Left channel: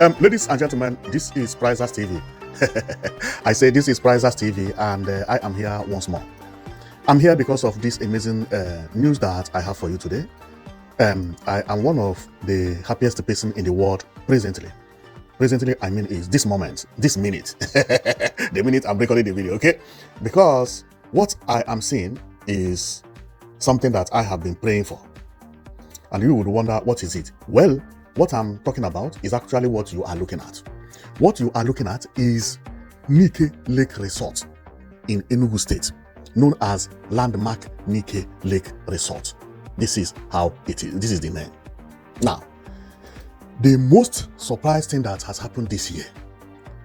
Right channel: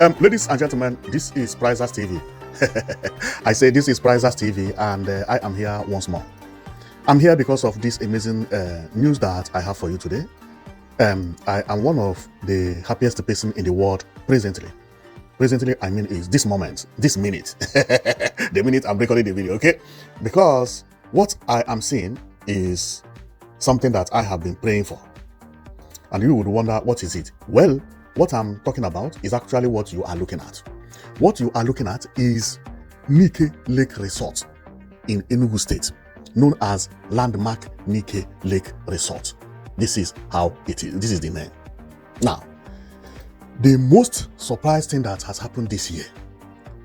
Ladies and gentlemen, this is Prizers TV. I say this is Prizers TV, and I am here once more. I'm here because of this amazing news that I have for you today. I am one of the happiest person in the world presently. Presently, I mean, is this moment, this minute, the minute I'm recording the video, okay? Because what I am seeing is something that I have been praying for. And you would wonder, what is it? Well, what I'm talking about is actually what you are looking at. What you are looking at is Nike Lake Resort in Enugu State, known as Landmark Nike Lake Resort. This is how it is. This is the name. Now, the most surprising thing that has happened this year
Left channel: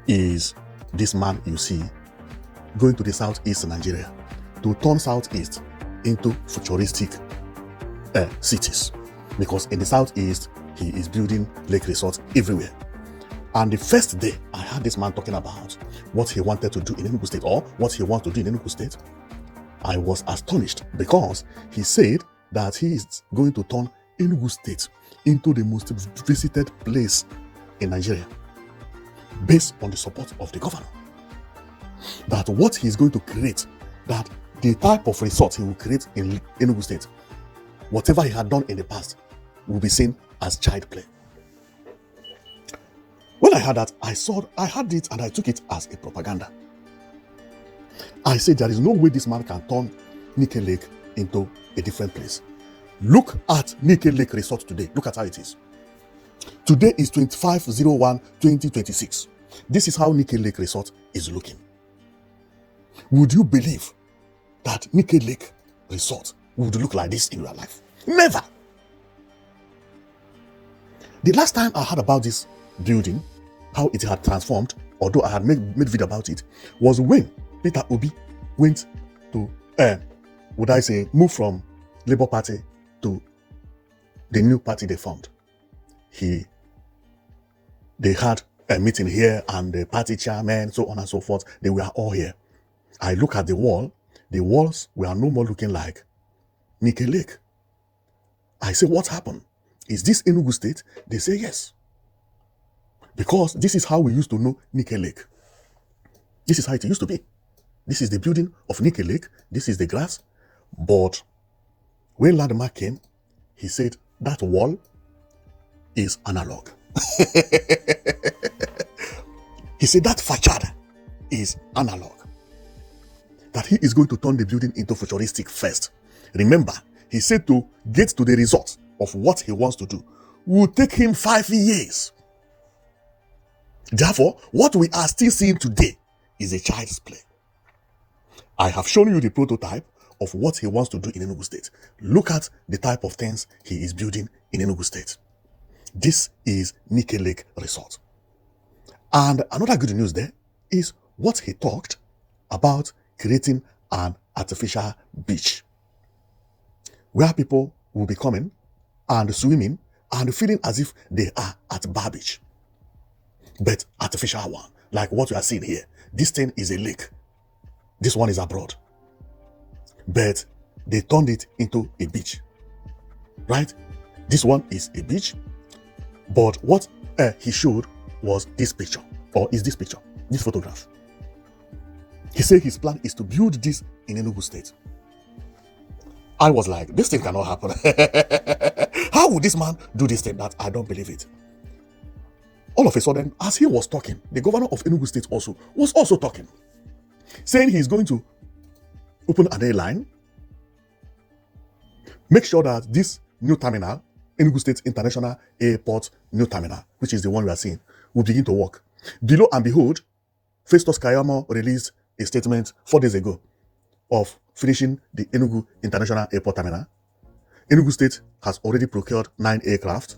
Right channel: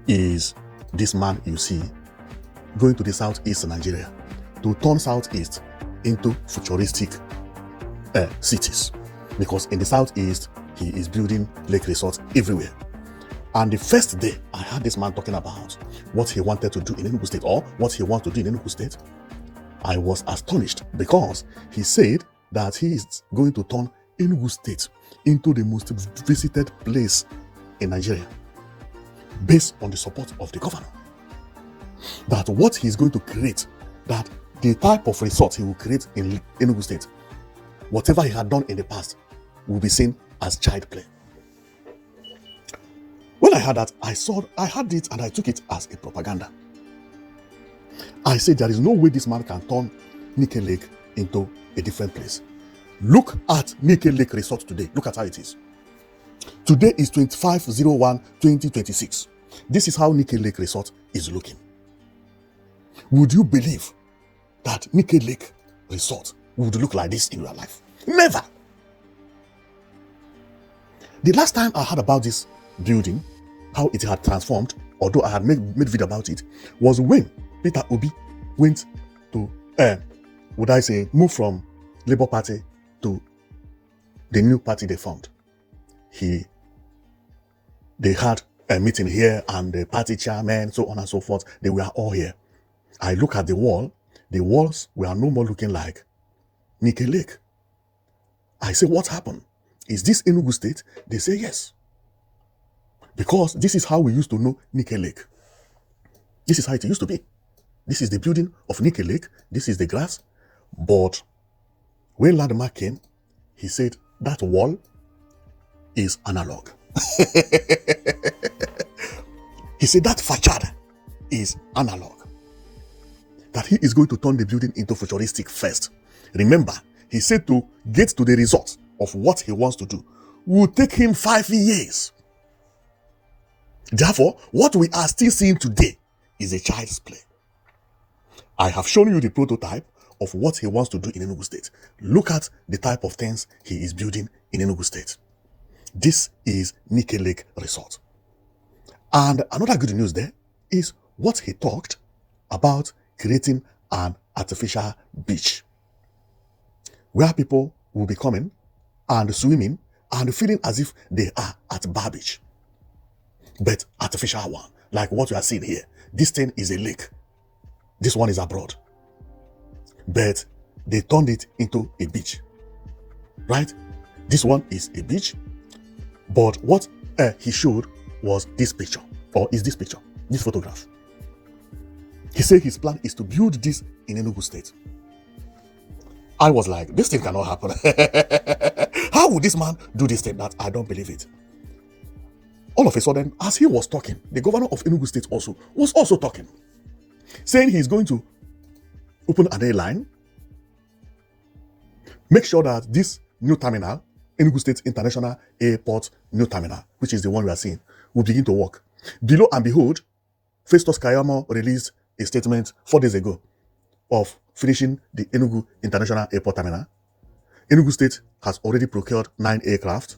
is this man you see going to the southeast in Nigeria to turn southeast into futuristic cities. Because in the southeast, he is building lake resorts everywhere. And the first day I heard this man talking about what he wanted to do in Enugu State, or what he wants to do in Enugu State, I was astonished because he said that he is going to turn Enugu State into the most visited place in Nigeria based on the support of the governor. That what he is going to create, that the type of resort he will create in Enugu State, whatever he had done in the past, will be seen as child play. When I heard that, I heard it and I took it as a propaganda. I said there is no way this man can turn Nike Lake into a different place. Look at Nike Lake Resort today. Look at how it is. Today is 25/01/2026. This is how Nike Lake Resort is looking. Would you believe that Nike Lake Resort would look like this in real life? Never. The last time I heard about this building, how it had transformed, although I had made video about it, was when Peter Obi went to, move from Labour Party to the new party they formed. They had a meeting here, and the party chairman, so on and so forth, they were all here. I look at the wall, the walls were no more looking like Nike Lake. I say, what happened? Is this Enugu State? They say yes. Because this is how we used to know Nike Lake. This is how it used to be. This is the building of Nike Lake. This is the grass. But when Landmark came, he said that wall is analog. He said that facade is analog. That he is going to turn the building into futuristic first. Remember, he said to get to the result of what he wants to do will take him 5 years. Therefore, what we are still seeing today is a child's play. I have shown you the prototype of what he wants to do in Enugu State. Look at the type of things he is building in Enugu State. This is Nike Lake Resort. And another good news there is what he talked about, creating an artificial beach where people will be coming and swimming and feeling as if they are at Bar Beach. But artificial one, like what we are seeing here. This thing is a lake. This one is abroad. But they turned it into a beach. Right? This one is a beach. But what he showed was this picture. Or is this picture? This photograph. He said his plan is to build this in Enugu State. I was like, this thing cannot happen. How would this man do this thing? That I don't believe it. All of a sudden, as he was talking, the governor of Enugu State was also talking, saying he's going to open an airline, make sure that this new terminal, Enugu State International Airport New Terminal, which is the one we are seeing, will begin to work. Below and behold, Festus Kayamo released a statement 4 days ago of finishing the Enugu International Airport Terminal. Enugu State has already procured 9 aircraft.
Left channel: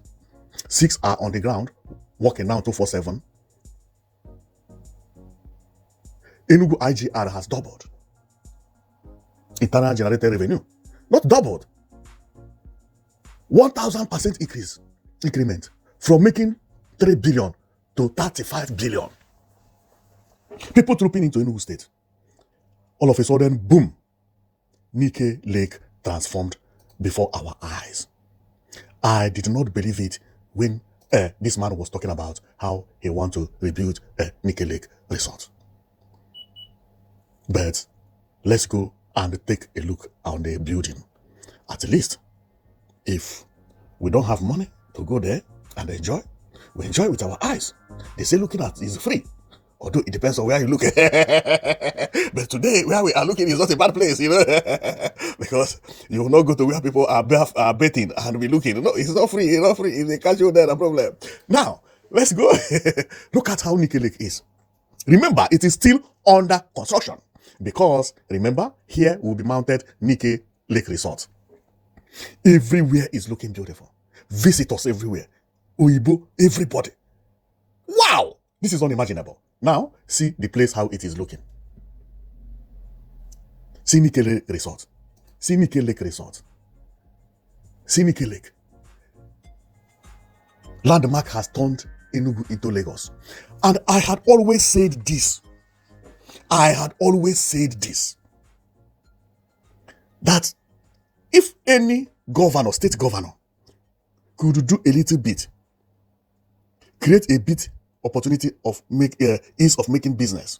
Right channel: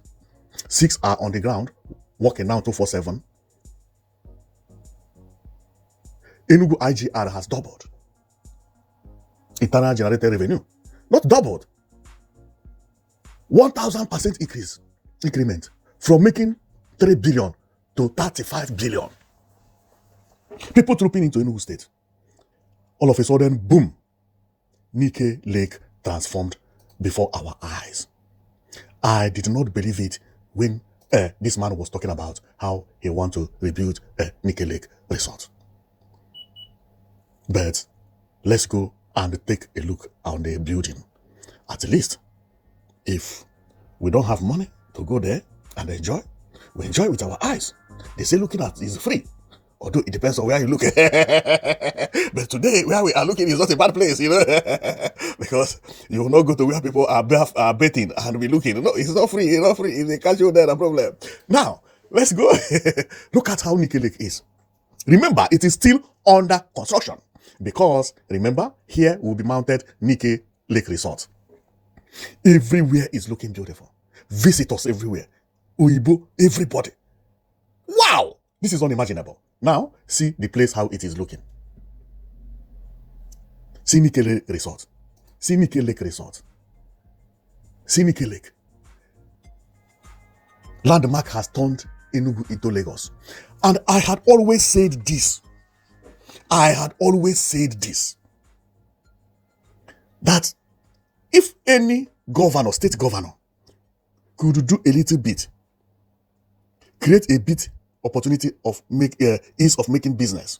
6 are on the ground, working now 24/7. Enugu IGR has doubled. Internal generated revenue has doubled. 1,000% increase agreement from making 3 billion to 35 billion. People trooping into Enugu State. All of a sudden, boom, Nike Lake transformed before our eyes. I did not believe it when This man was talking about how he want to rebuild Nike Lake Resort. But let's go and take a look on the building. At least, if we don't have money to go there and enjoy, we enjoy with our eyes. They say looking at is free. Although it depends on where you look. But today, where we are looking is not a bad place, because you will not go to where people are bathing and be looking. No, it's not free. It's not free. If they catch you there, no problem. Now, let's go. Look at how Nike Lake is. Remember, it is still under construction. Because, remember, here will be mounted Nike Lake Resort. Everywhere is looking beautiful. Visitors everywhere. Oyibo, everybody. Wow! This is unimaginable. Now, see the place how it is looking. See Nike Lake Resort. See Nike Lake Resort. See Nike Lake. Landmark has turned Enugu into Lagos. And I had always said this. That if any governor, state governor, could do a little bit, create a bit opportunity of ease of making business,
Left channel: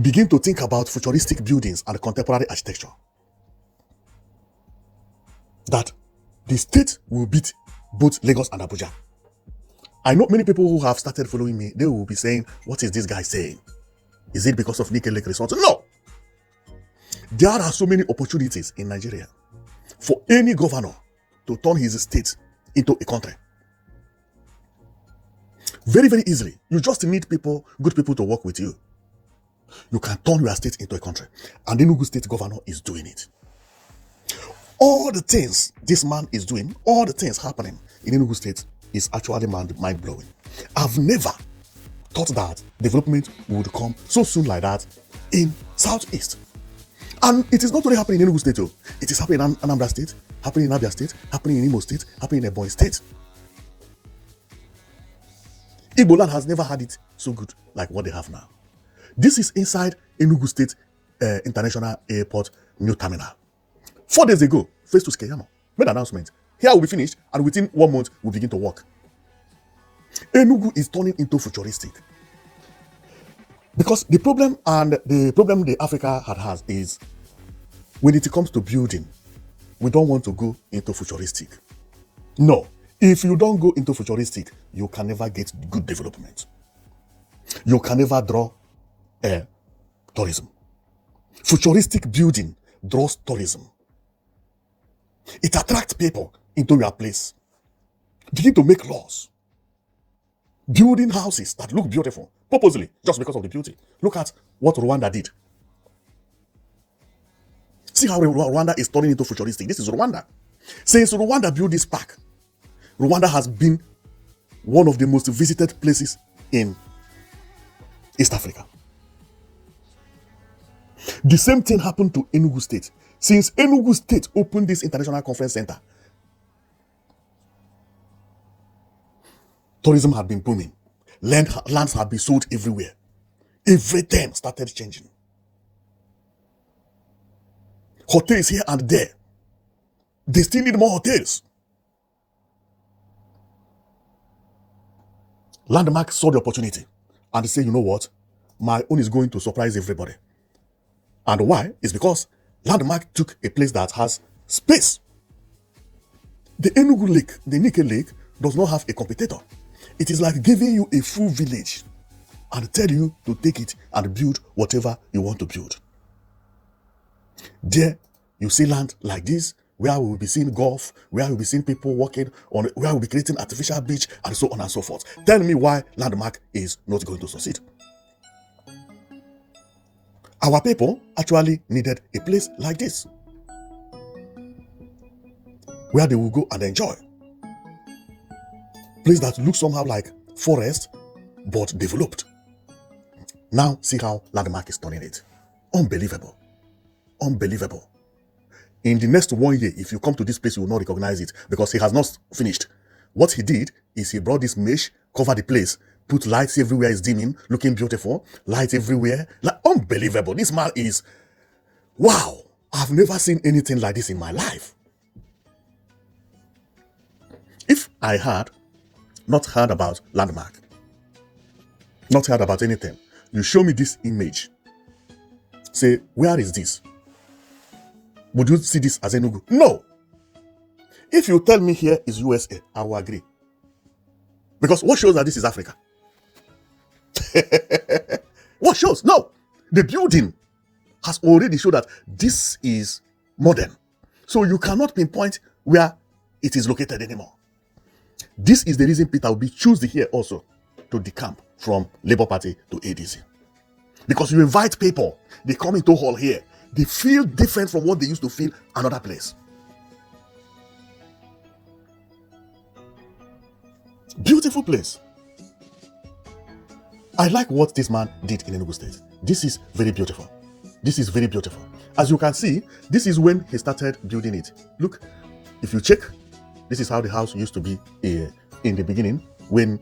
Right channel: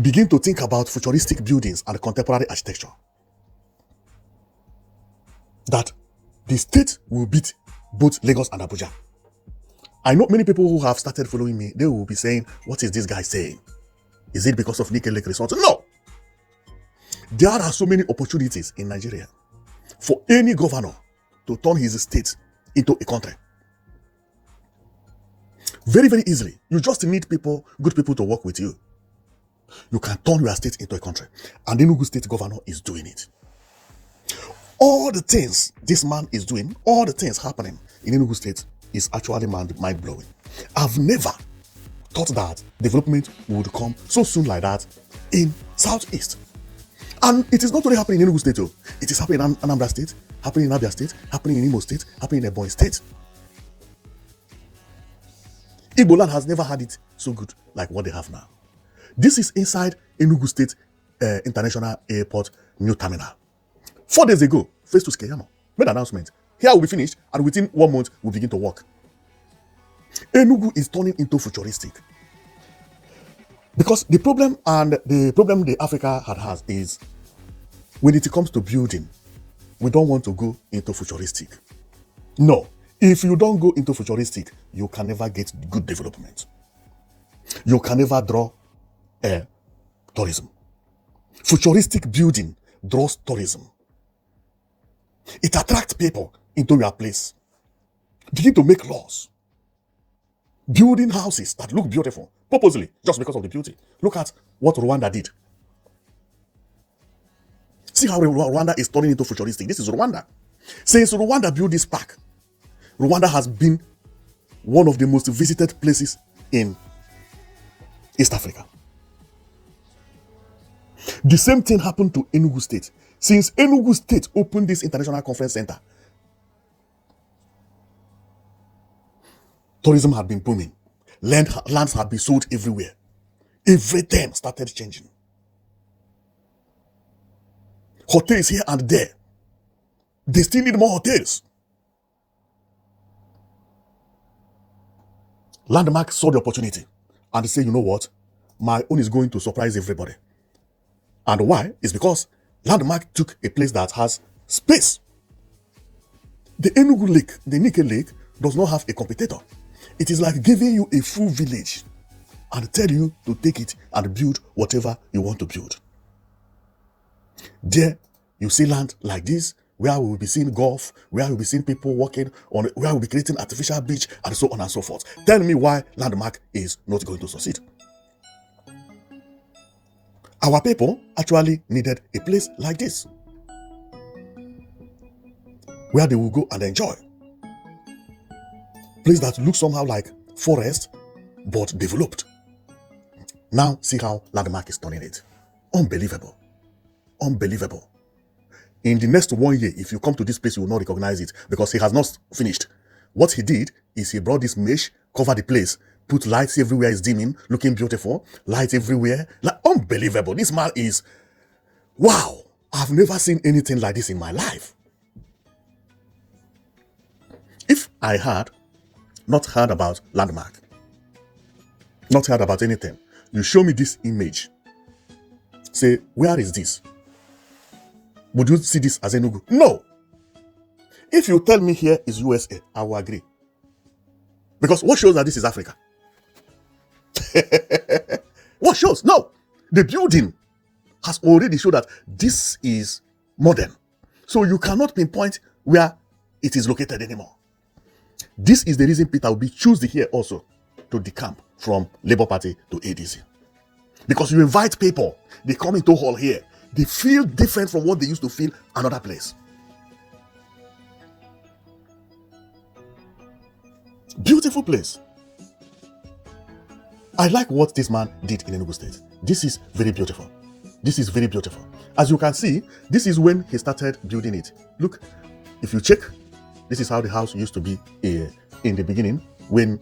begin to think about futuristic buildings and contemporary architecture, that the state will beat both Lagos and Abuja. I know many people who have started following me, they will be saying, what is this guy saying? Is it because of Nike Lake Resort? No! There are so many opportunities in Nigeria for any governor to turn his state into a country. Very, very easily. You just need good people to work with you. You can turn your state into a country. And Enugu state governor is doing it. All the things this man is doing, all the things happening in Enugu state is actually mind-blowing. I've never thought that development would come so soon like that in Southeast. And it is not only happening in Enugu state, it is happening in Anambra state, happening in Abia state, happening in Imo state, happening in Ebonyi state. Igbo land has never had it so good like what they have now. This is inside Enugu State International Airport new terminal. 4 days ago, Festus Keyamo made an announcement. Here will be finished, and within 1 month, we'll begin to work. Enugu is turning into futuristic. Because the problem the Africa has is when it comes to building, we don't want to go into futuristic. No. If you don't go into futuristic, you can never get good development. You can never draw tourism. Futuristic building draws tourism. It attracts people into your place. Begin to make laws. Building houses that look beautiful, purposely, just because of the beauty. Look at what Rwanda did. See how Rwanda is turning into futuristic. This is Rwanda. Since Rwanda built this park, Rwanda has been one of the most visited places in East Africa. The same thing happened to Enugu State. Since Enugu State opened this international conference center, tourism had been booming. Lands had been sold everywhere. Everything started changing. Hotels here and there. They still need more hotels. Landmark saw the opportunity and they say, you know what? My own is going to surprise everybody. And why? It's because Landmark took a place that has space. The Enugu Lake, the Nike Lake, does not have a competitor. It is like giving you a full village and tell you to take it and build whatever you want to build. There, you see land like this, where we will be seeing golf, where we will be seeing people walking, or where we will be creating artificial beach, and so on and so forth. Tell me why Landmark is not going to succeed. Our people actually needed a place like this, where they will go and enjoy. Place that looks somehow like forest, but developed. Now, see how Landmark is turning it. Unbelievable. Unbelievable. In the next 1 year, if you come to this place, you will not recognize it because he has not finished. What he did is he brought this mesh, covered the place, put lights everywhere, it's dimming, looking beautiful, lights everywhere. Like, unbelievable. This man is, wow. I've never seen anything like this in my life. If I had not heard about landmark, not heard about anything. You show me this image. Say, where is this? Would you see this as Enugu? No. If you tell me here is USA, I will agree. Because what shows that this is Africa? What shows? No. The building has already shown that this is modern. So you cannot pinpoint where it is located anymore. This is the reason Peter Obi chose here also to decamp from Labour Party to ADC. Because you invite people, they come into hall here, they feel different from what they used to feel another place. Beautiful place. I like what this man did in Enugu State. This is very beautiful. This is very beautiful. As you can see, this is when he started building it. Look, if you check, this is how the house used to be in the beginning when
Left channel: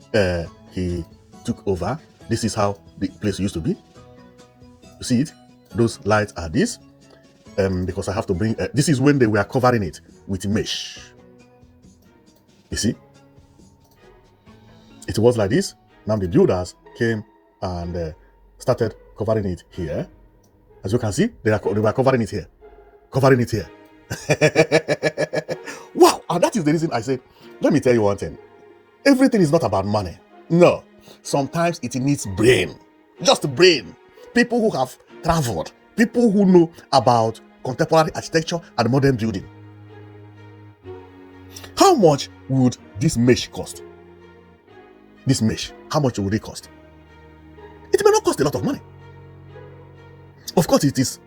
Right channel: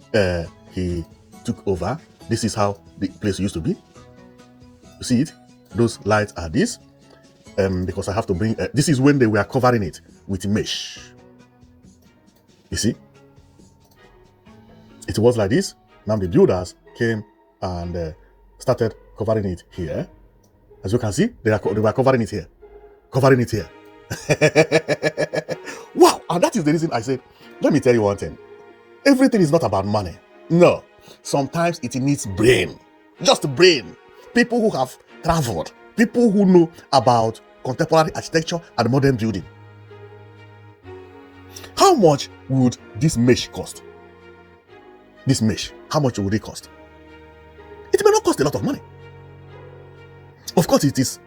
he took over. This is how the place used to be. You see it? Those lights are this. Because I have to bring... this is when they were covering it with mesh. You see? It was like this. Now the builders came and started covering it here. As you can see, they were covering it here. Covering it here. Wow! And that is the reason I said, let me tell you one thing. Everything is not about money. No. Sometimes it needs brain. Just brain. People who have traveled. People who know about contemporary architecture and modern building. How much would this mesh cost? This mesh, how much would it cost? It may not cost a lot of money. Of course, it is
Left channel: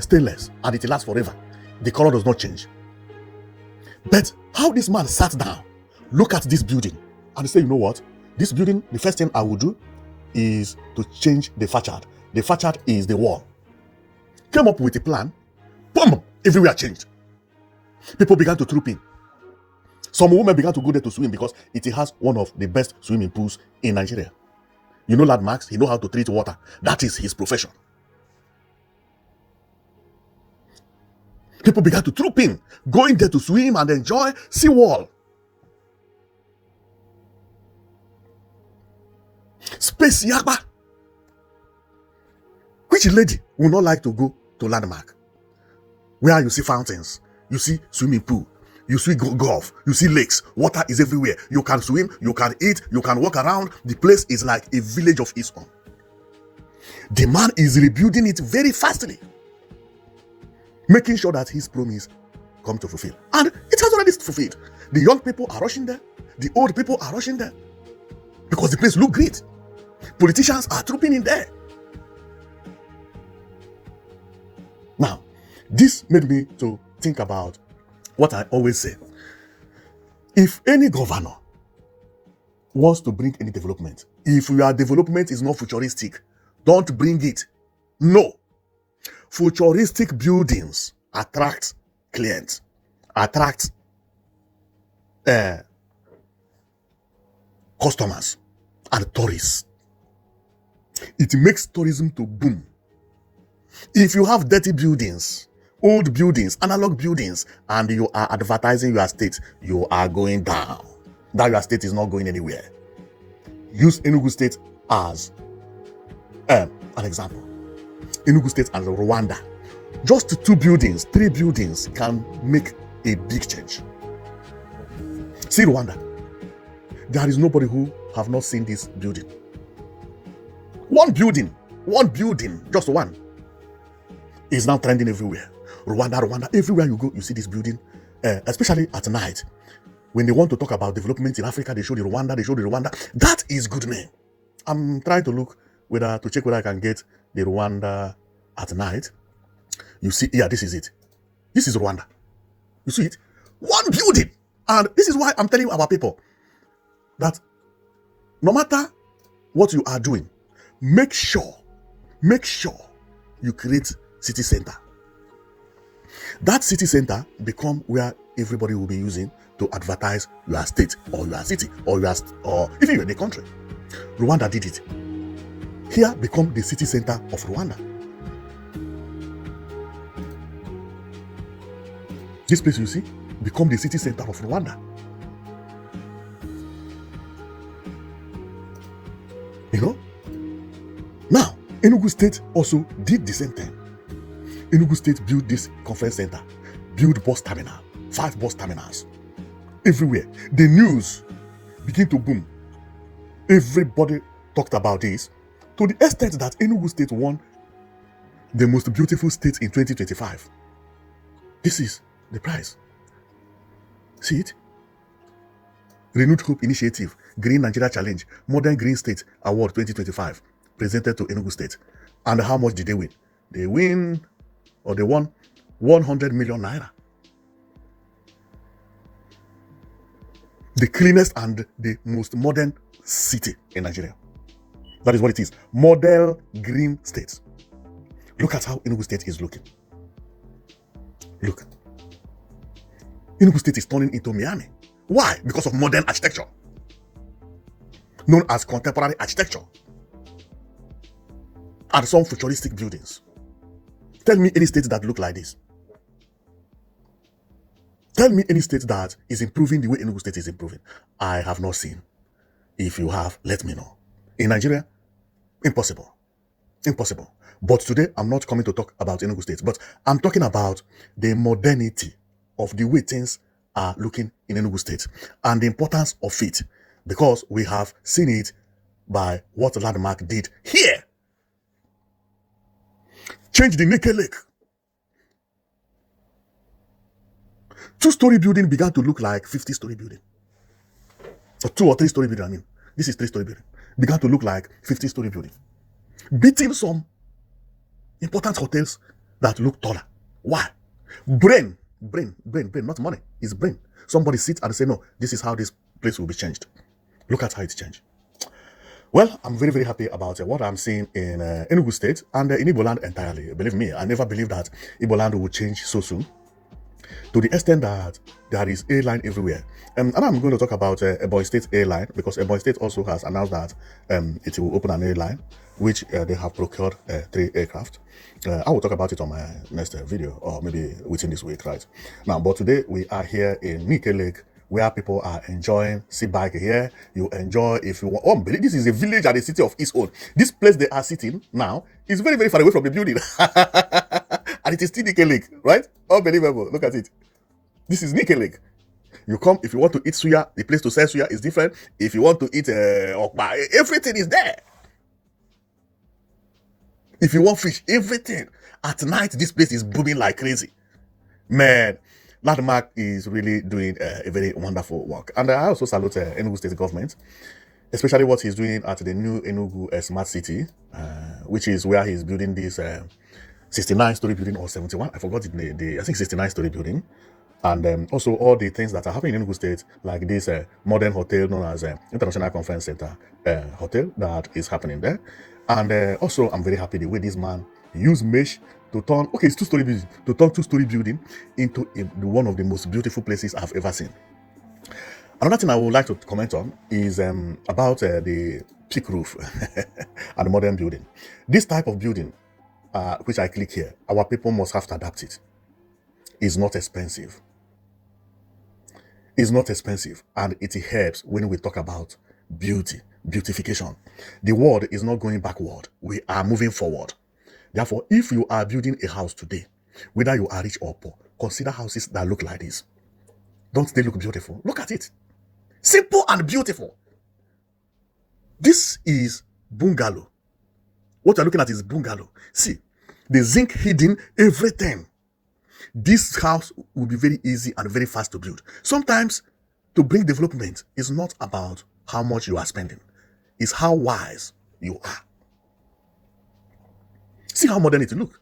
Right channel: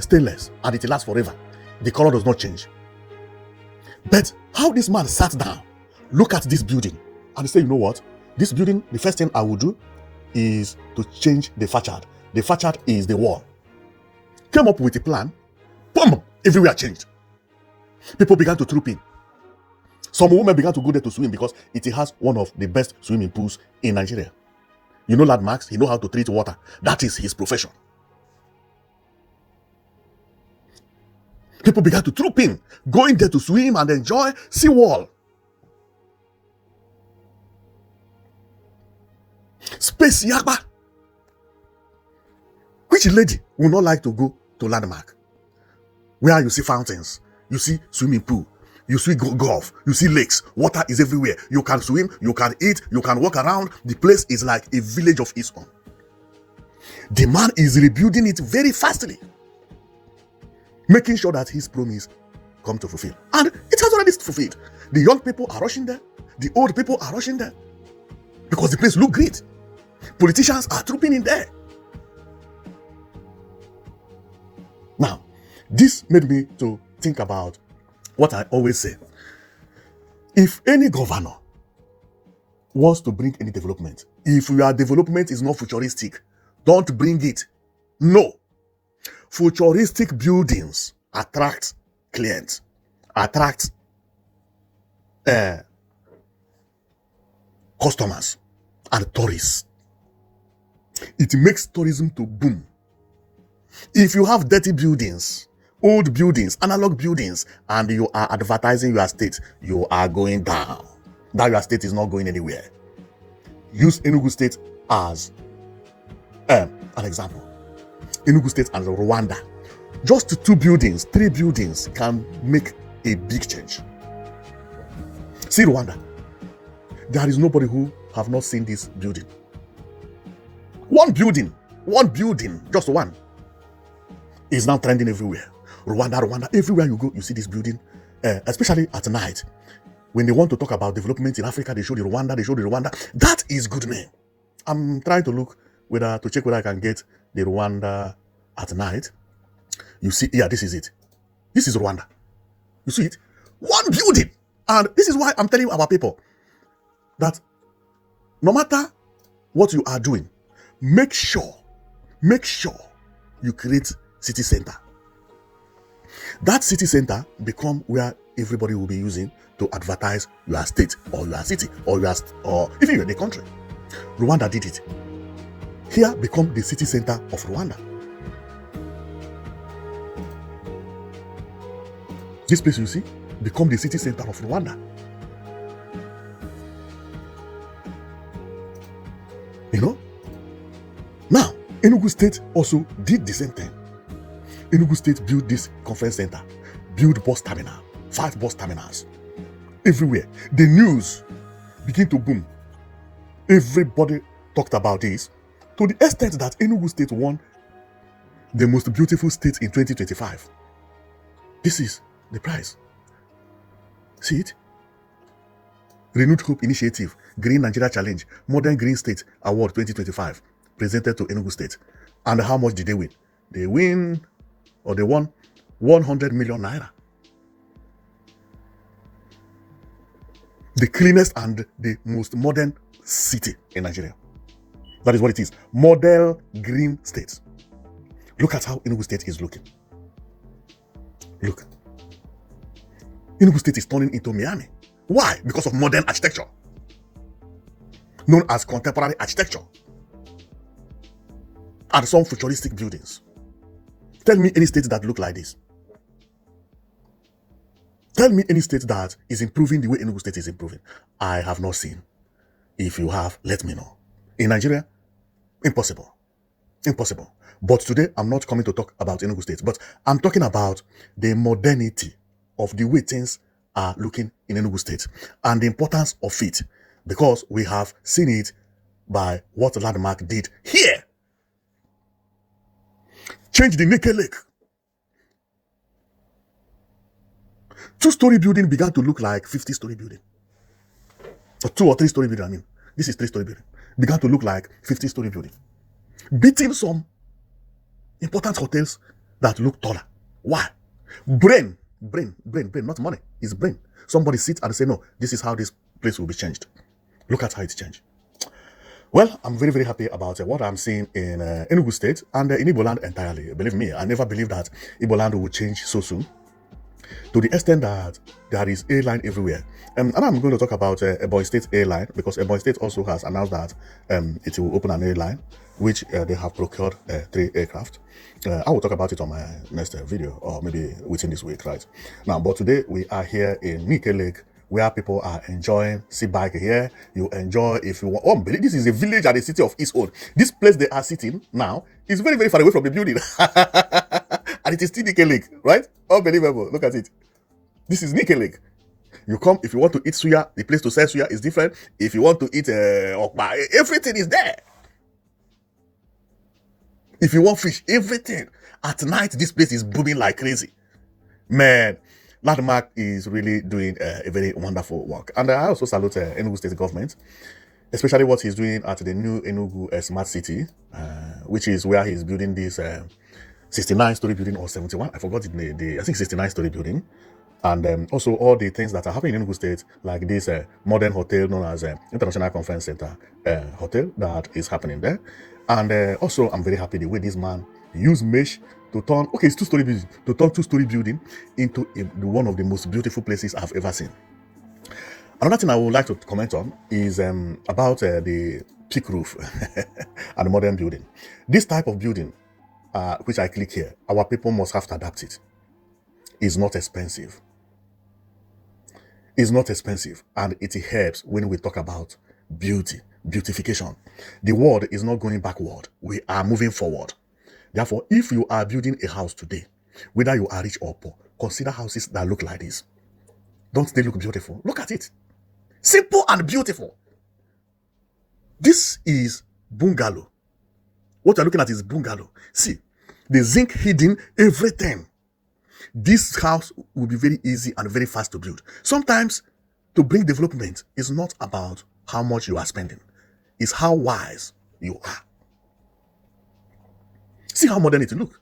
stainless and it lasts forever. The color does not change. But how this man sat down, look at this building, and say, you know what? This building, the first thing I will do is to change the facade. The facade is the wall. Came up with a plan. Boom! Everywhere changed. People began to troop in. Some women began to go there to swim because it has one of the best swimming pools in Nigeria. You know landmarks, you know how to treat water. That is his profession. People began to troop in, going there to swim and enjoy seawall. Space yaba. Which lady would not like to go to landmark? Where you see fountains, you see swimming pool, you see golf, you see lakes, water is everywhere. You can swim, you can eat, you can walk around. The place is like a village of its own. The man is rebuilding it very fastly, making sure that his promise come to fulfill. And it has already fulfilled. The young people are rushing there. The old people are rushing there. Because the place looks great. Politicians are trooping in there. Now, this made me to think about what I always say. If any governor wants to bring any development, if your development is not futuristic, don't bring it. No. Futuristic buildings attract clients, attract customers and tourists. It makes tourism to boom. If you have dirty buildings, old buildings, analog buildings, and you are advertising your estate, you are going down. That your estate is not going anywhere. Use Enugu State as an example. Enugu State and Rwanda. Just 2 buildings, 3 buildings can make a big change. See Rwanda. There is nobody who have not seen this building. One building, just one, is now trending everywhere. Rwanda, everywhere you go, you see this building, especially at night. When they want to talk about development in Africa, they show the Rwanda. That is good name. I'm trying to look to check whether I can get the Rwanda at night. You see, yeah, this is it. This is Rwanda. You see it? One building. And this is why I'm telling our people that no matter what you are doing, make sure you create city center. That city center become where everybody will be using to advertise your state or your city or even in the country. Rwanda did it. Here become the city center of Rwanda. This place you see become the city center of Rwanda. You know? Now, Enugu State also did the same thing. Enugu State built this conference center, built bus terminal, 5 bus terminals, everywhere. The news began to boom. Everybody talked about this, to the extent that Enugu State won the most beautiful state in 2025. This is the prize. See it? Renewed Hope Initiative, Green Nigeria Challenge, Modern Green State Award 2025, presented to Enugu State. And how much did they win? They won 100 million naira. The cleanest and the most modern city in Nigeria. That is what it is. Model green state. Look at how Enugu State is looking. Look. Enugu State is turning into Miami. Why? Because of modern architecture, known as contemporary architecture, and some futuristic buildings. Tell me any state that look like this. Tell me any state that is improving the way Enugu State is improving. I have not seen. If you have, let me know. In Nigeria, impossible. Impossible. But today, I'm not coming to talk about Enugu State, but I'm talking about the modernity of the way things are looking in Enugu State and the importance of it, because we have seen it by what Landmark did here. Change the Nike Lake. 2-story building began to look like 50-story building. Or 2 or 3-story building, I mean. This is 3-story building. Began to look like 50-story building. Beating some important hotels that look taller. Why? Brain, not money. It's brain. Somebody sits and say, no, this is how this place will be changed. Look at how it's changed. Well, I'm very, very happy about what I'm seeing in Enugu State and in Igbo land entirely. Believe me, I never believed that Igbo land would change so soon, to the extent that there is airline everywhere. And I'm going to talk about Ebonyi State airline, because Ebonyi State also has announced that it will open an airline, which they have procured 3 aircraft. I will talk about it on my next video, or maybe within this week, right? Now, but today we are here in Nike Lake, where people are enjoying. Sit back here, you enjoy. If you want, this is a village and a city of its own. This place they are sitting now is very, very far away from the building, and it is still Nike Lake, right? Unbelievable. Look at it. This is Nike Lake. You come, if you want to eat suya, the place to sell suya is different. If you want to eat okpa, everything is there. If you want fish, everything. At night, this place is booming like crazy. Man, Landmark is really doing a very wonderful work. And I also salute Enugu State government, especially what he's doing at the new Enugu Smart City, which is where he's building this 69-story building or 71. I forgot it, I think 69-story building. And also all the things that are happening in Enugu State, like this modern hotel known as International Conference Center Hotel that is happening there. And also, I'm very happy the way this man used mesh to turn, okay, it's 2-story building, to turn 2-story building into one of the most beautiful places I've ever seen. Another thing I would like to comment on is about the peak roof and the modern building. This type of building, which I click here, our people must have to adapt it. It's not expensive. It's not expensive, and it helps when we talk about beautification. The world is not going backward. We are moving forward. Therefore, if you are building a house today, whether you are rich or poor, consider houses that look like this. Don't they look beautiful? Look at it. Simple and beautiful. This is bungalow. What you're looking at is bungalow. See, the zinc hidden everything. This house will be very easy and very fast to build. Sometimes, to bring development is not about how much you are spending. It's how wise you are. See how modern it looks.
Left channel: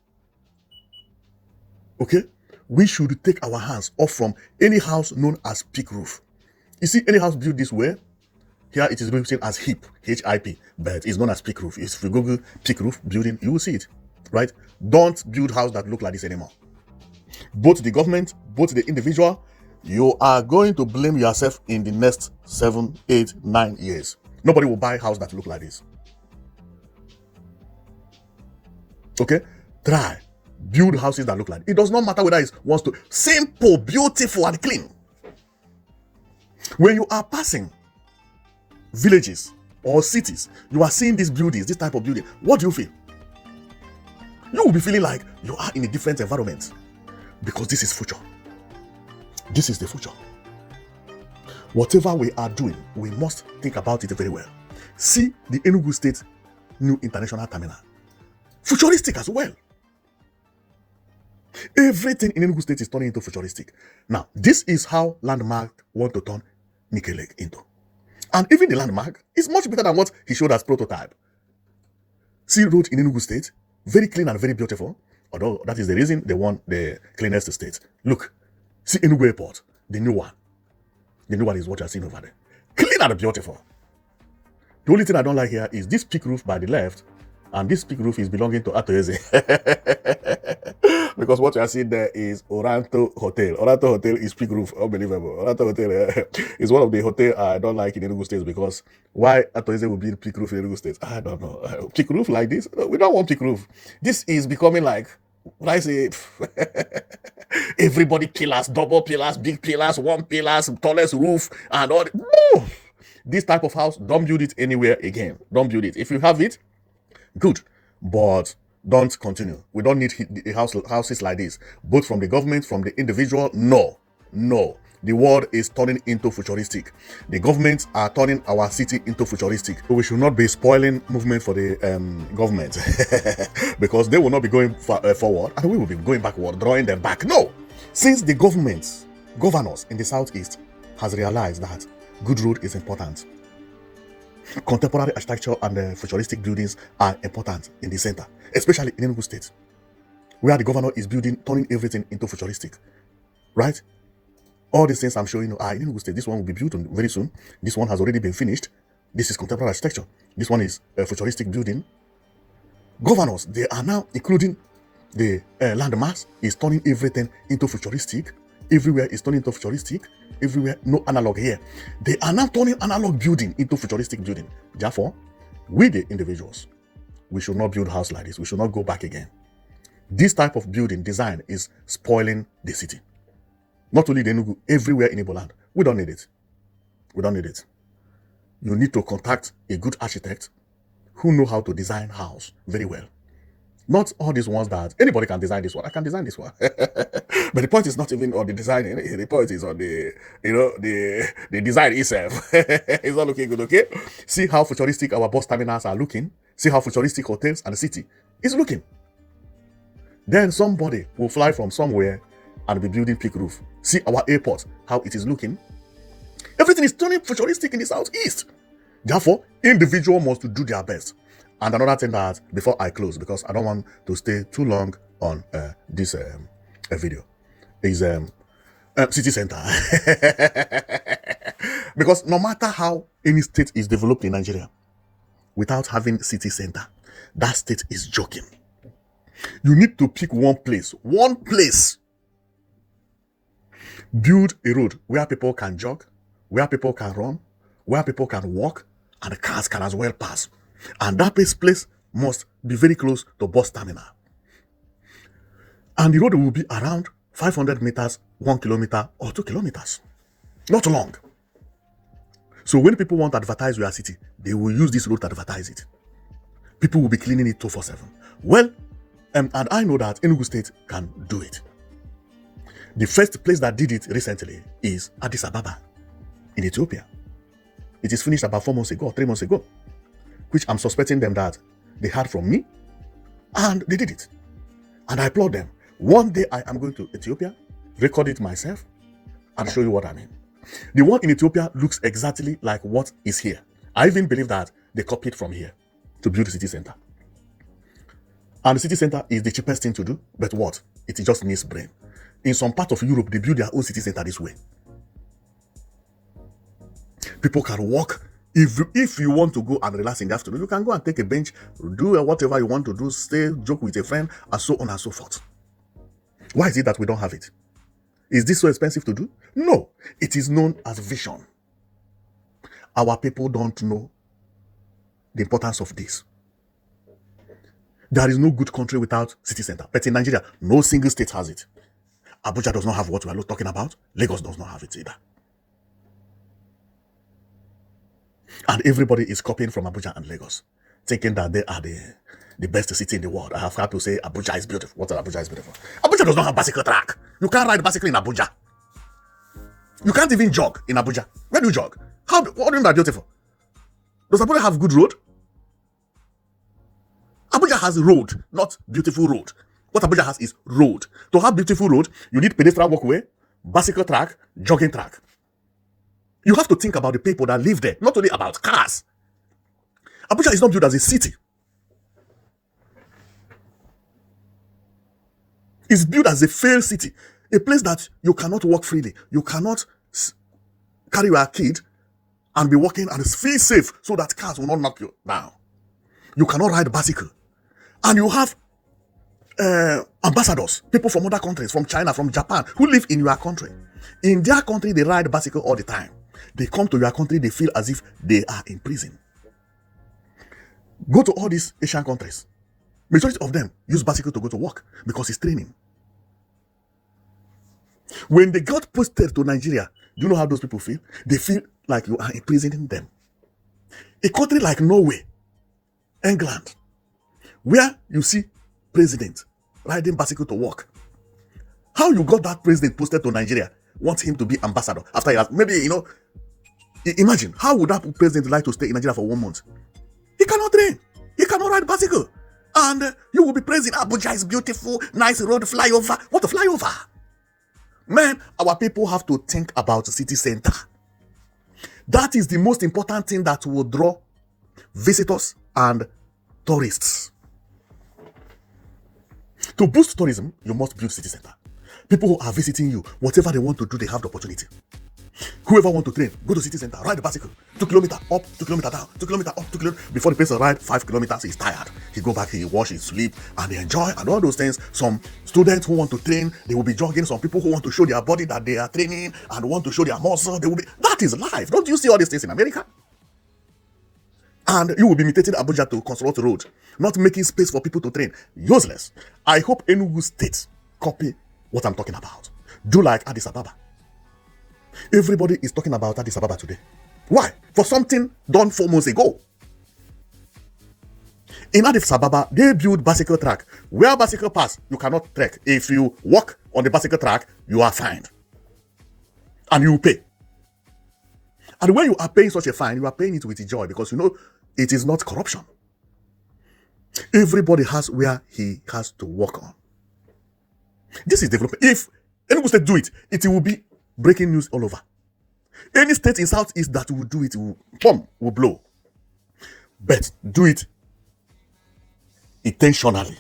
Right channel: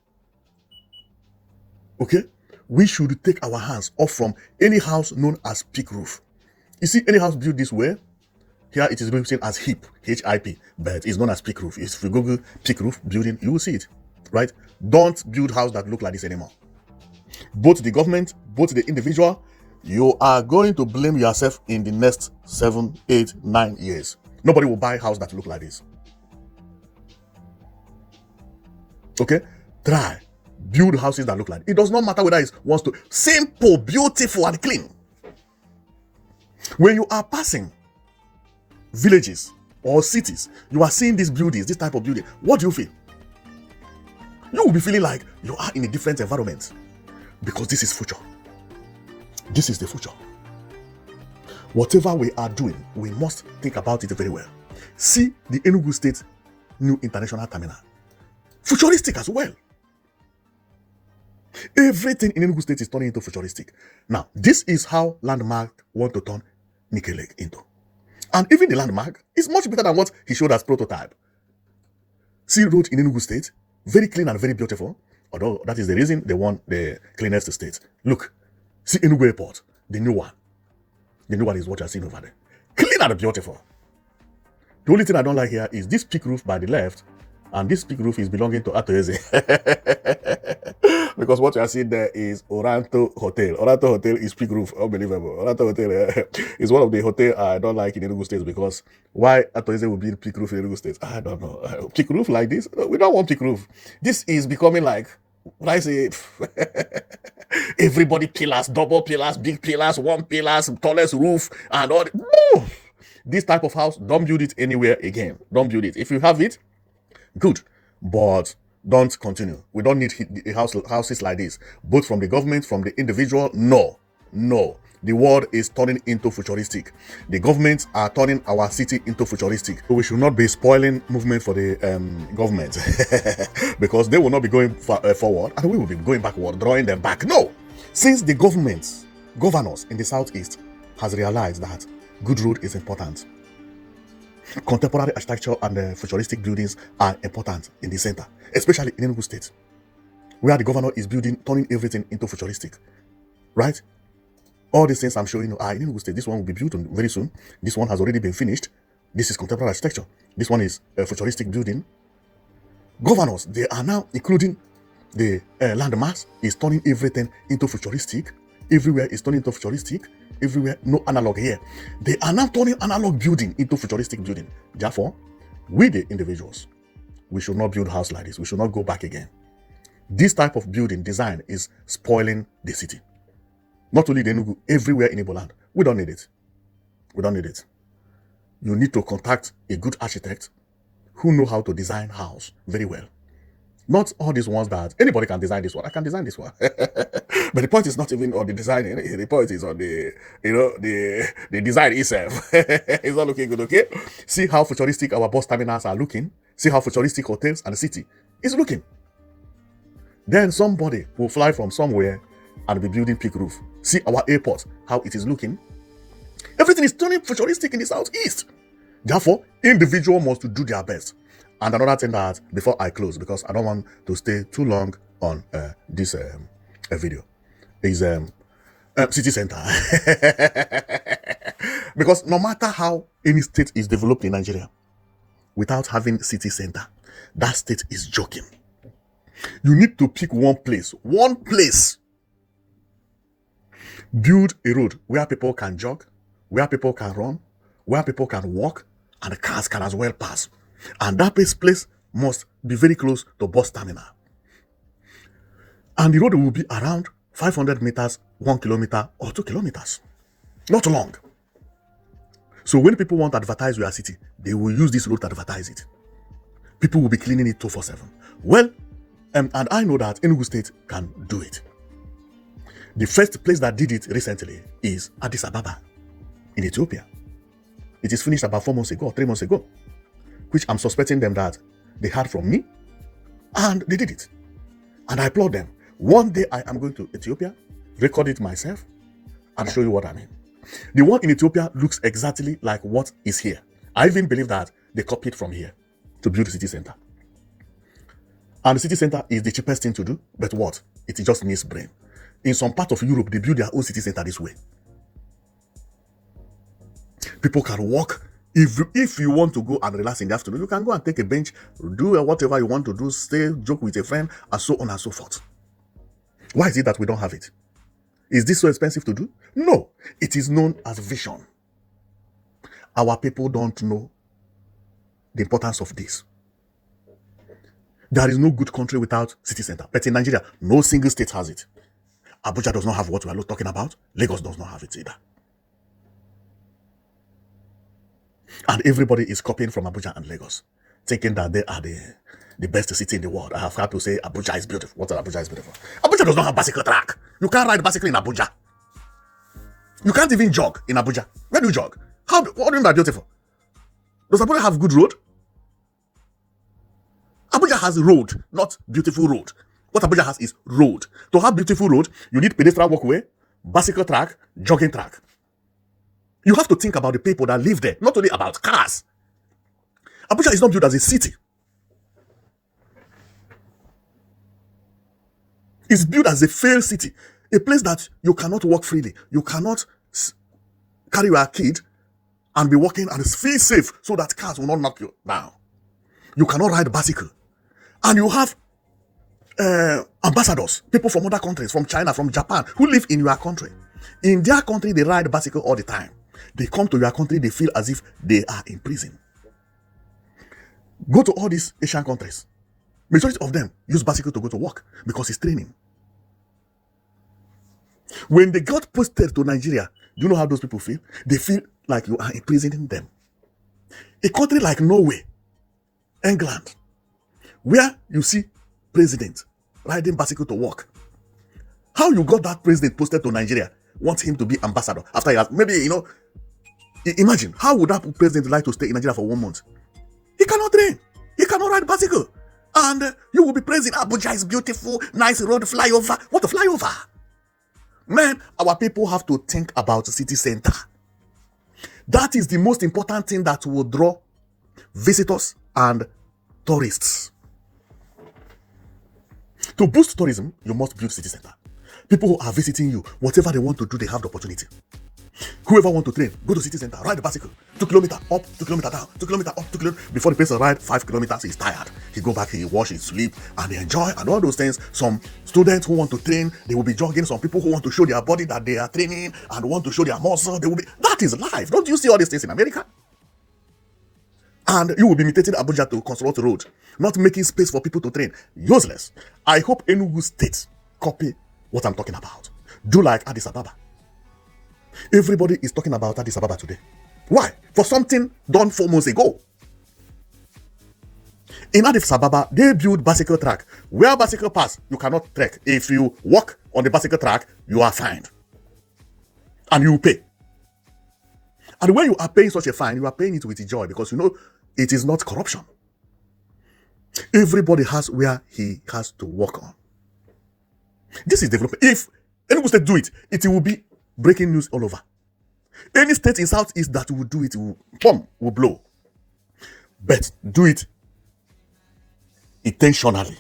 Okay? We should take our hands off from any house known as peak roof. You see any house built this way, here it is written as HIP, H-I-P, but it's known as peak roof. If you Google peak roof building, you will see it, right? Don't build houses that look like this anymore. Both the government, both the individual, you are going to blame yourself in the next 7, 8, 9 years. Nobody will buy a house that look like this. Okay? Try. Build houses that look like it. It does not matter whether it's wants to. Simple, beautiful, and clean. When you are passing villages, or cities, you are seeing these buildings, this type of building, what do you feel? You will be feeling like you are in a different environment, because this is future. This is the future. Whatever we are doing, we must think about it very well. See the Enugu State new international terminal. Futuristic as well. Everything in Enugu State is turning into futuristic. Now, this is how Landmark want to turn Nike into. And even the Landmark is much better than what he showed as prototype. See road in Enugu State, very clean and very beautiful. Although that is the reason they want the cleanest state. Look, see Enugu Airport, the new one. The new one is what you're seeing over there. Clean and beautiful. The only thing I don't like here is this peak roof by the left, and this peak roof is belonging to Atoeze. Because what you are seeing there is Oranto Hotel. Oranto Hotel is peak roof. Unbelievable. Oranto Hotel is one of the hotels I don't like in Enugu State, because why Atoeze will build peak roof in Enugu State? I don't know. Peak roof like this? We don't want peak roof. This is becoming like, what I say, everybody pillars, double pillars, big pillars, one pillars, tallest roof, and all. No! This type of house, don't build it anywhere again. Don't build it. If you have it, good, but don't continue. We don't need houses like this, both from the government, from the individual. No. The world is turning into futuristic. The governments are turning our city into futuristic. So we should not be spoiling movement for the government because they will not be going forward, and we will be going backward, drawing them back. No, since the governors in the southeast has realized that good road is important. Contemporary architecture and futuristic buildings are important in the center, especially in Enugu State, where the governor is turning everything into futuristic. Right? All these things I'm showing you are in Enugu State. This one will be built very soon. This one has already been finished. This is contemporary architecture. This one is a futuristic building. Governors, they are now including the landmass, is turning everything into futuristic. Everywhere is turning into futuristic. Everywhere, no analog here. They are now turning analog building into futuristic building. Therefore, we the individuals, we should not build a house like this. We should not go back again. This type of building design is spoiling the city. Not only the Enugu, everywhere in Igbo land. We don't need it. We don't need it. You need to contact a good architect who know how to design house very well. Not all these ones that anybody can design this one. I can design this one. But the point is not even on the design. The point is on the design itself. It's not looking good, okay? See how futuristic our bus terminals are looking. See how futuristic hotels and the city is looking. Then somebody will fly from somewhere and be building peak roof. See our airport, how it is looking. Everything is turning futuristic in the southeast. Therefore, individuals must do their best. And another thing that, before I close, because I don't want to stay too long on this video, is city center. Because no matter how any state is developed in Nigeria, without having city center, that state is joking. You need to pick one place. Build a road where people can jog, where people can run, where people can walk, and the cars can as well pass. And that place must be very close to bus terminal. And the road will be around 500 meters, 1 kilometer, or 2 kilometers. Not long. So when people want to advertise your city, they will use this road to advertise it. People will be cleaning it 24/7. Well, and I know that Enugu State can do it. The first place that did it recently is Addis Ababa in Ethiopia. It is finished about 3 months ago, which I'm suspecting them that they heard from me, and they did it. And I applaud them. One day I am going to Ethiopia, record it myself, and show you what I mean. The one in Ethiopia looks exactly like what is here. I even believe that they copied from here to build the city center. And the city center is the cheapest thing to do, but what? It just needs brain. In some part of Europe, they build their own city center this way. People can walk. If you want to go and relax in the afternoon, you can go and take a bench, do whatever you want to do, stay, joke with your friend, and so on and so forth. Why is it that we don't have it? Is this so expensive to do? No. It is known as vision. Our people don't know the importance of this. There is no good country without city center. But in Nigeria, no single state has it. Abuja does not have what we are talking about. Lagos does not have it either. And everybody is copying from Abuja and Lagos, thinking that they are the best city in the world. I have had to say Abuja is beautiful. What Abuja is beautiful? Abuja does not have bicycle track. You can't ride bicycle in Abuja. You can't even jog in Abuja. Where do you jog? What is that beautiful? Does Abuja have good road? Abuja has road, not beautiful road. What Abuja has is road. To have beautiful road, you need pedestrian walkway, bicycle track, jogging track. You have to think about the people that live there, not only about cars. Abuja is not built as a city. It's built as a failed city, a place that you cannot walk freely. You cannot carry your kid and be walking and feel safe so that cars will not knock you down. You cannot ride bicycle. And you have ambassadors, people from other countries, from China, from Japan, who live in your country. In their country, they ride bicycle all the time. They come to your country, they feel as if they are in prison. Go to all these Asian countries. Majority of them use bicycle to go to work because it's training. When they got posted to Nigeria, do you know how those people feel? They feel like you are imprisoning them. A country like Norway, England, where you see president riding bicycle to work. How you got that president posted to Nigeria? Want him to be ambassador after he has maybe, imagine how would that president like to stay in Nigeria for 1 month? He cannot train. He cannot ride bicycle. And you will be praising Abuja is beautiful, nice road, flyover. What a flyover? Man, our people have to think about the city center. That is the most important thing that will draw visitors and tourists. To boost tourism, you must build city center. People who are visiting you, whatever they want to do, they have the opportunity. Whoever want to train, go to city center, ride the bicycle. 2 kilometers up, 2 kilometers down, 2 kilometers up, 2 kilometers. Before the person ride 5 kilometers, he's tired. He go back, he wash his sleep, and they enjoy, and all those things. Some students who want to train, they will be jogging. Some people who want to show their body that they are training and want to show their muscle, they will be. That is life. Don't you see all these things in America? And you will be imitating Abuja to construct road, not making space for people to train. Useless. I hope Enugu State copy what I'm talking about. Do like Addis Ababa. Everybody is talking about Addis Ababa today. Why? For something done 4 months ago. In Addis Ababa, they built bicycle track. Where bicycle pass, you cannot trek. If you walk on the bicycle track, you are fined. And you pay. And when you are paying such a fine, you are paying it with joy because it is not corruption. Everybody has where he has to work on. This is development. If Enugu State do it, it will be breaking news all over. Any state in Southeast that will do it, will blow. But do it intentionally.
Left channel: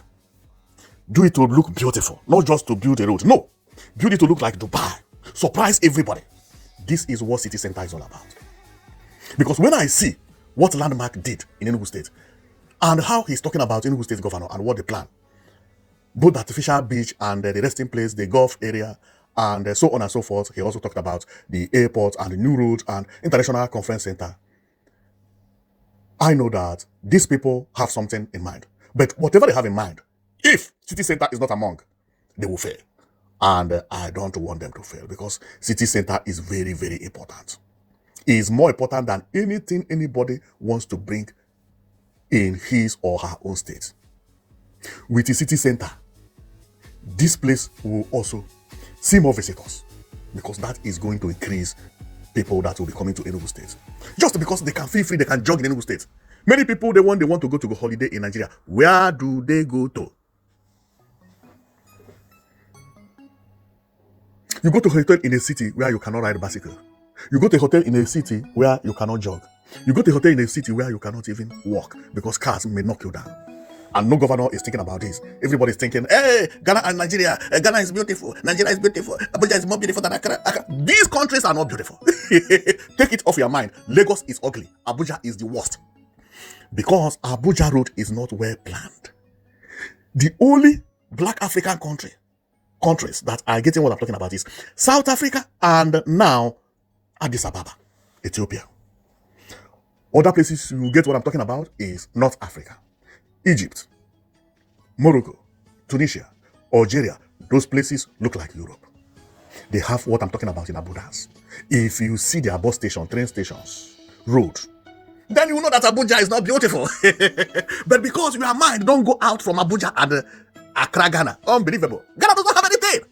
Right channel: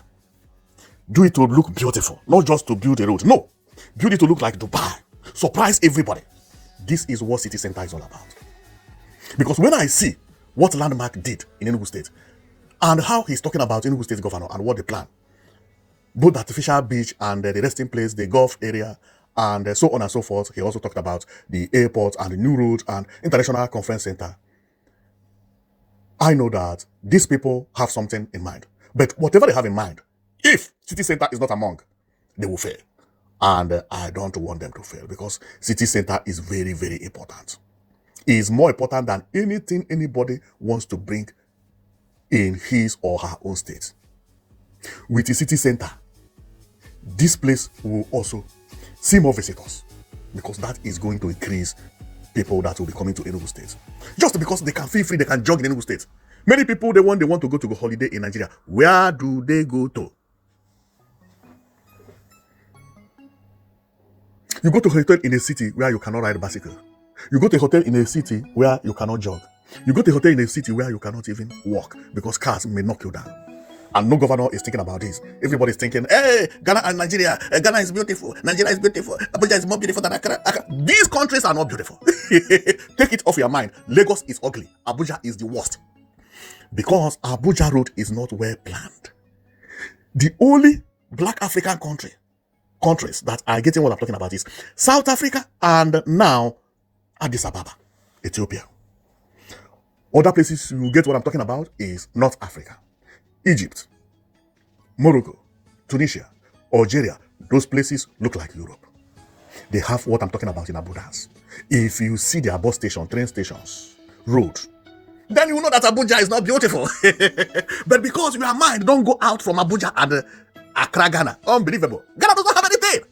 Do it to look beautiful, not just to build a road. No, build it to look like Dubai. Surprise everybody. This is what city center is all about. Because when I see what Landmark did in Enugu State and how he's talking about Enugu State governor and what they plan, both the artificial beach and the resting place, the golf area, and so on and so forth. He also talked about the airport and the new roads and international conference center. I know that these people have something in mind. But whatever they have in mind, if city center is not among, they will fail. And I don't want them to fail because city center is very, very important. It is more important than anything anybody wants to bring in his or her own state. With the city center, this place will also see more visitors because that is going to increase people that will be coming to Enugu State. Just because they can feel free, they can jog in Enugu State. Many people, they want to go to a holiday in Nigeria. Where do they go to? You go to a hotel in a city where you cannot ride a bicycle. You go to a hotel in a city where you cannot jog. You go to a hotel in a city where you cannot even walk because cars may knock you down. And no governor is thinking about this. Everybody's thinking, hey, Ghana and Nigeria. Ghana is beautiful. Nigeria is beautiful. Abuja is more beautiful than Accra. These countries are not beautiful. Take it off your mind. Lagos is ugly. Abuja is the worst. Because Abuja road is not well planned. The only black African countries that are getting what I'm talking about is South Africa and now Addis Ababa, Ethiopia. Other places you get what I'm talking about is North Africa, Egypt, Morocco, Tunisia, Algeria. Those places look like Europe. They have what I'm talking about in abundance. If you see their bus station, train stations, road, then you will know that Abuja is not beautiful. But because your mind don't go out from Abuja and Accra, Ghana, unbelievable. Ghana does not have anything.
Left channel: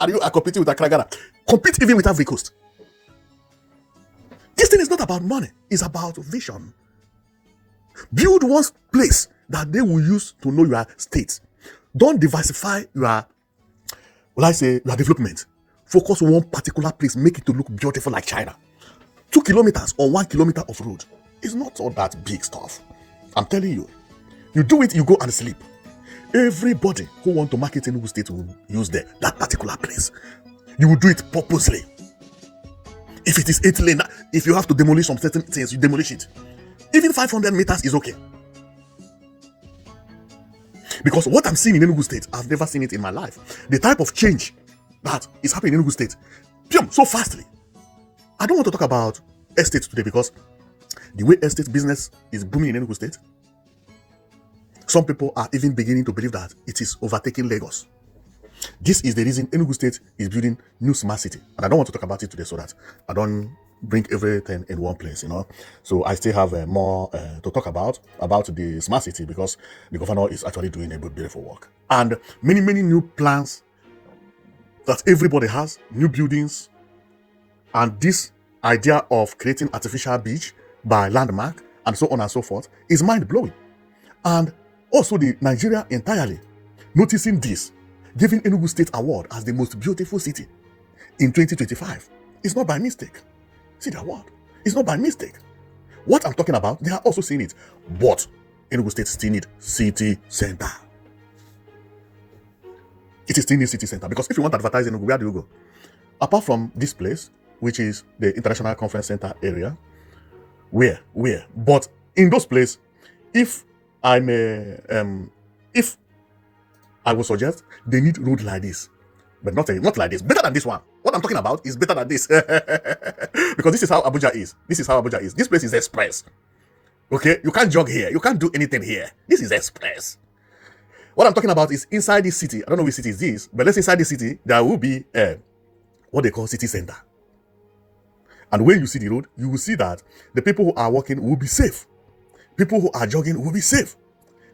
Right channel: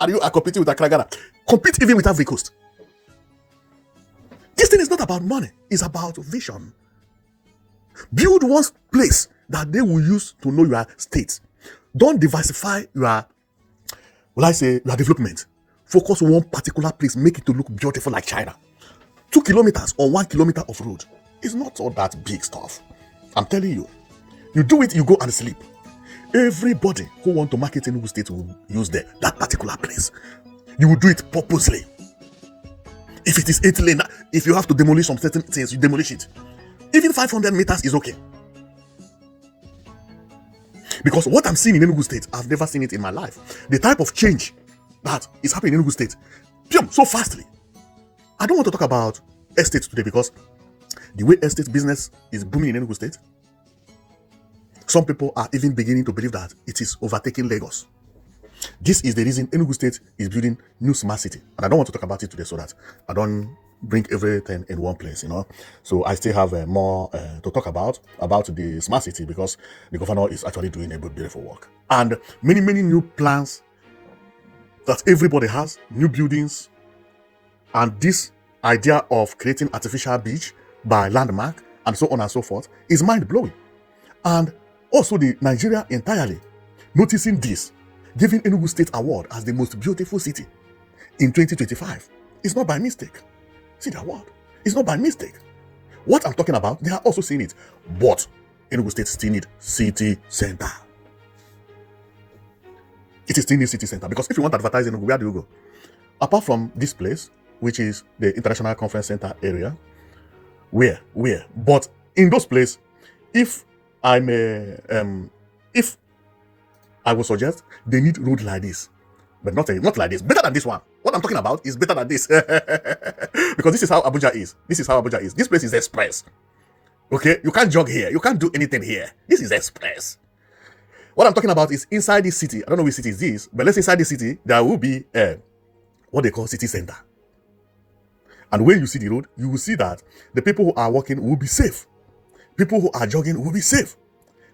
And you are competing with Accra, Ghana. Compete even with Ivory Coast. This thing is not about money. It's about vision. Build one place that they will use to know your state. Don't diversify your, development. Focus on one particular place. Make it to look beautiful like China. 2 kilometers or 1 kilometer of road is not all that big stuff. I'm telling you. You do it, you go and sleep. Everybody who want to market in Enugu State will use that particular place. You will do it purposely. If it is 8 lane, if you have to demolish some certain things, you demolish it. Even 500 meters is okay. Because what I'm seeing in Enugu State, I've never seen it in my life. The type of change that is happening in Enugu State, so fastly. I don't want to talk about estate today because the way estate business is booming in Enugu State, some people are even beginning to believe that it is overtaking Lagos. This is the reason Enugu State is building new smart city. And I don't want to talk about it today so that I don't bring everything in one place, So I still have more to talk about the smart city because the governor is actually doing a good, beautiful work. And many, many new plans that everybody has, new buildings, and this idea of creating artificial beach by landmark and so on and so forth is mind-blowing. And also the Nigeria entirely noticing this, giving Enugu State Award as the most beautiful city in 2025. It's not by mistake. See the award. It's not by mistake. What I'm talking about, they are also seeing it. But Enugu State still need city center. It is still need city center because if you want to advertise Enugu, where do you go? Apart from this place, which is the International Conference Center area, where? But in those places, if I would suggest they need road like this, but not like this. Better than this one. What I'm talking about is better than this. Because this is how Abuja is. This place is express. Okay? You can't jog here. You can't do anything here. This is express. What I'm talking about is inside this city. I don't know which city is this, but let's say inside this city, there will be what they call city center. And when you see the road, you will see that the people who are walking will be safe. People who are jogging will be safe.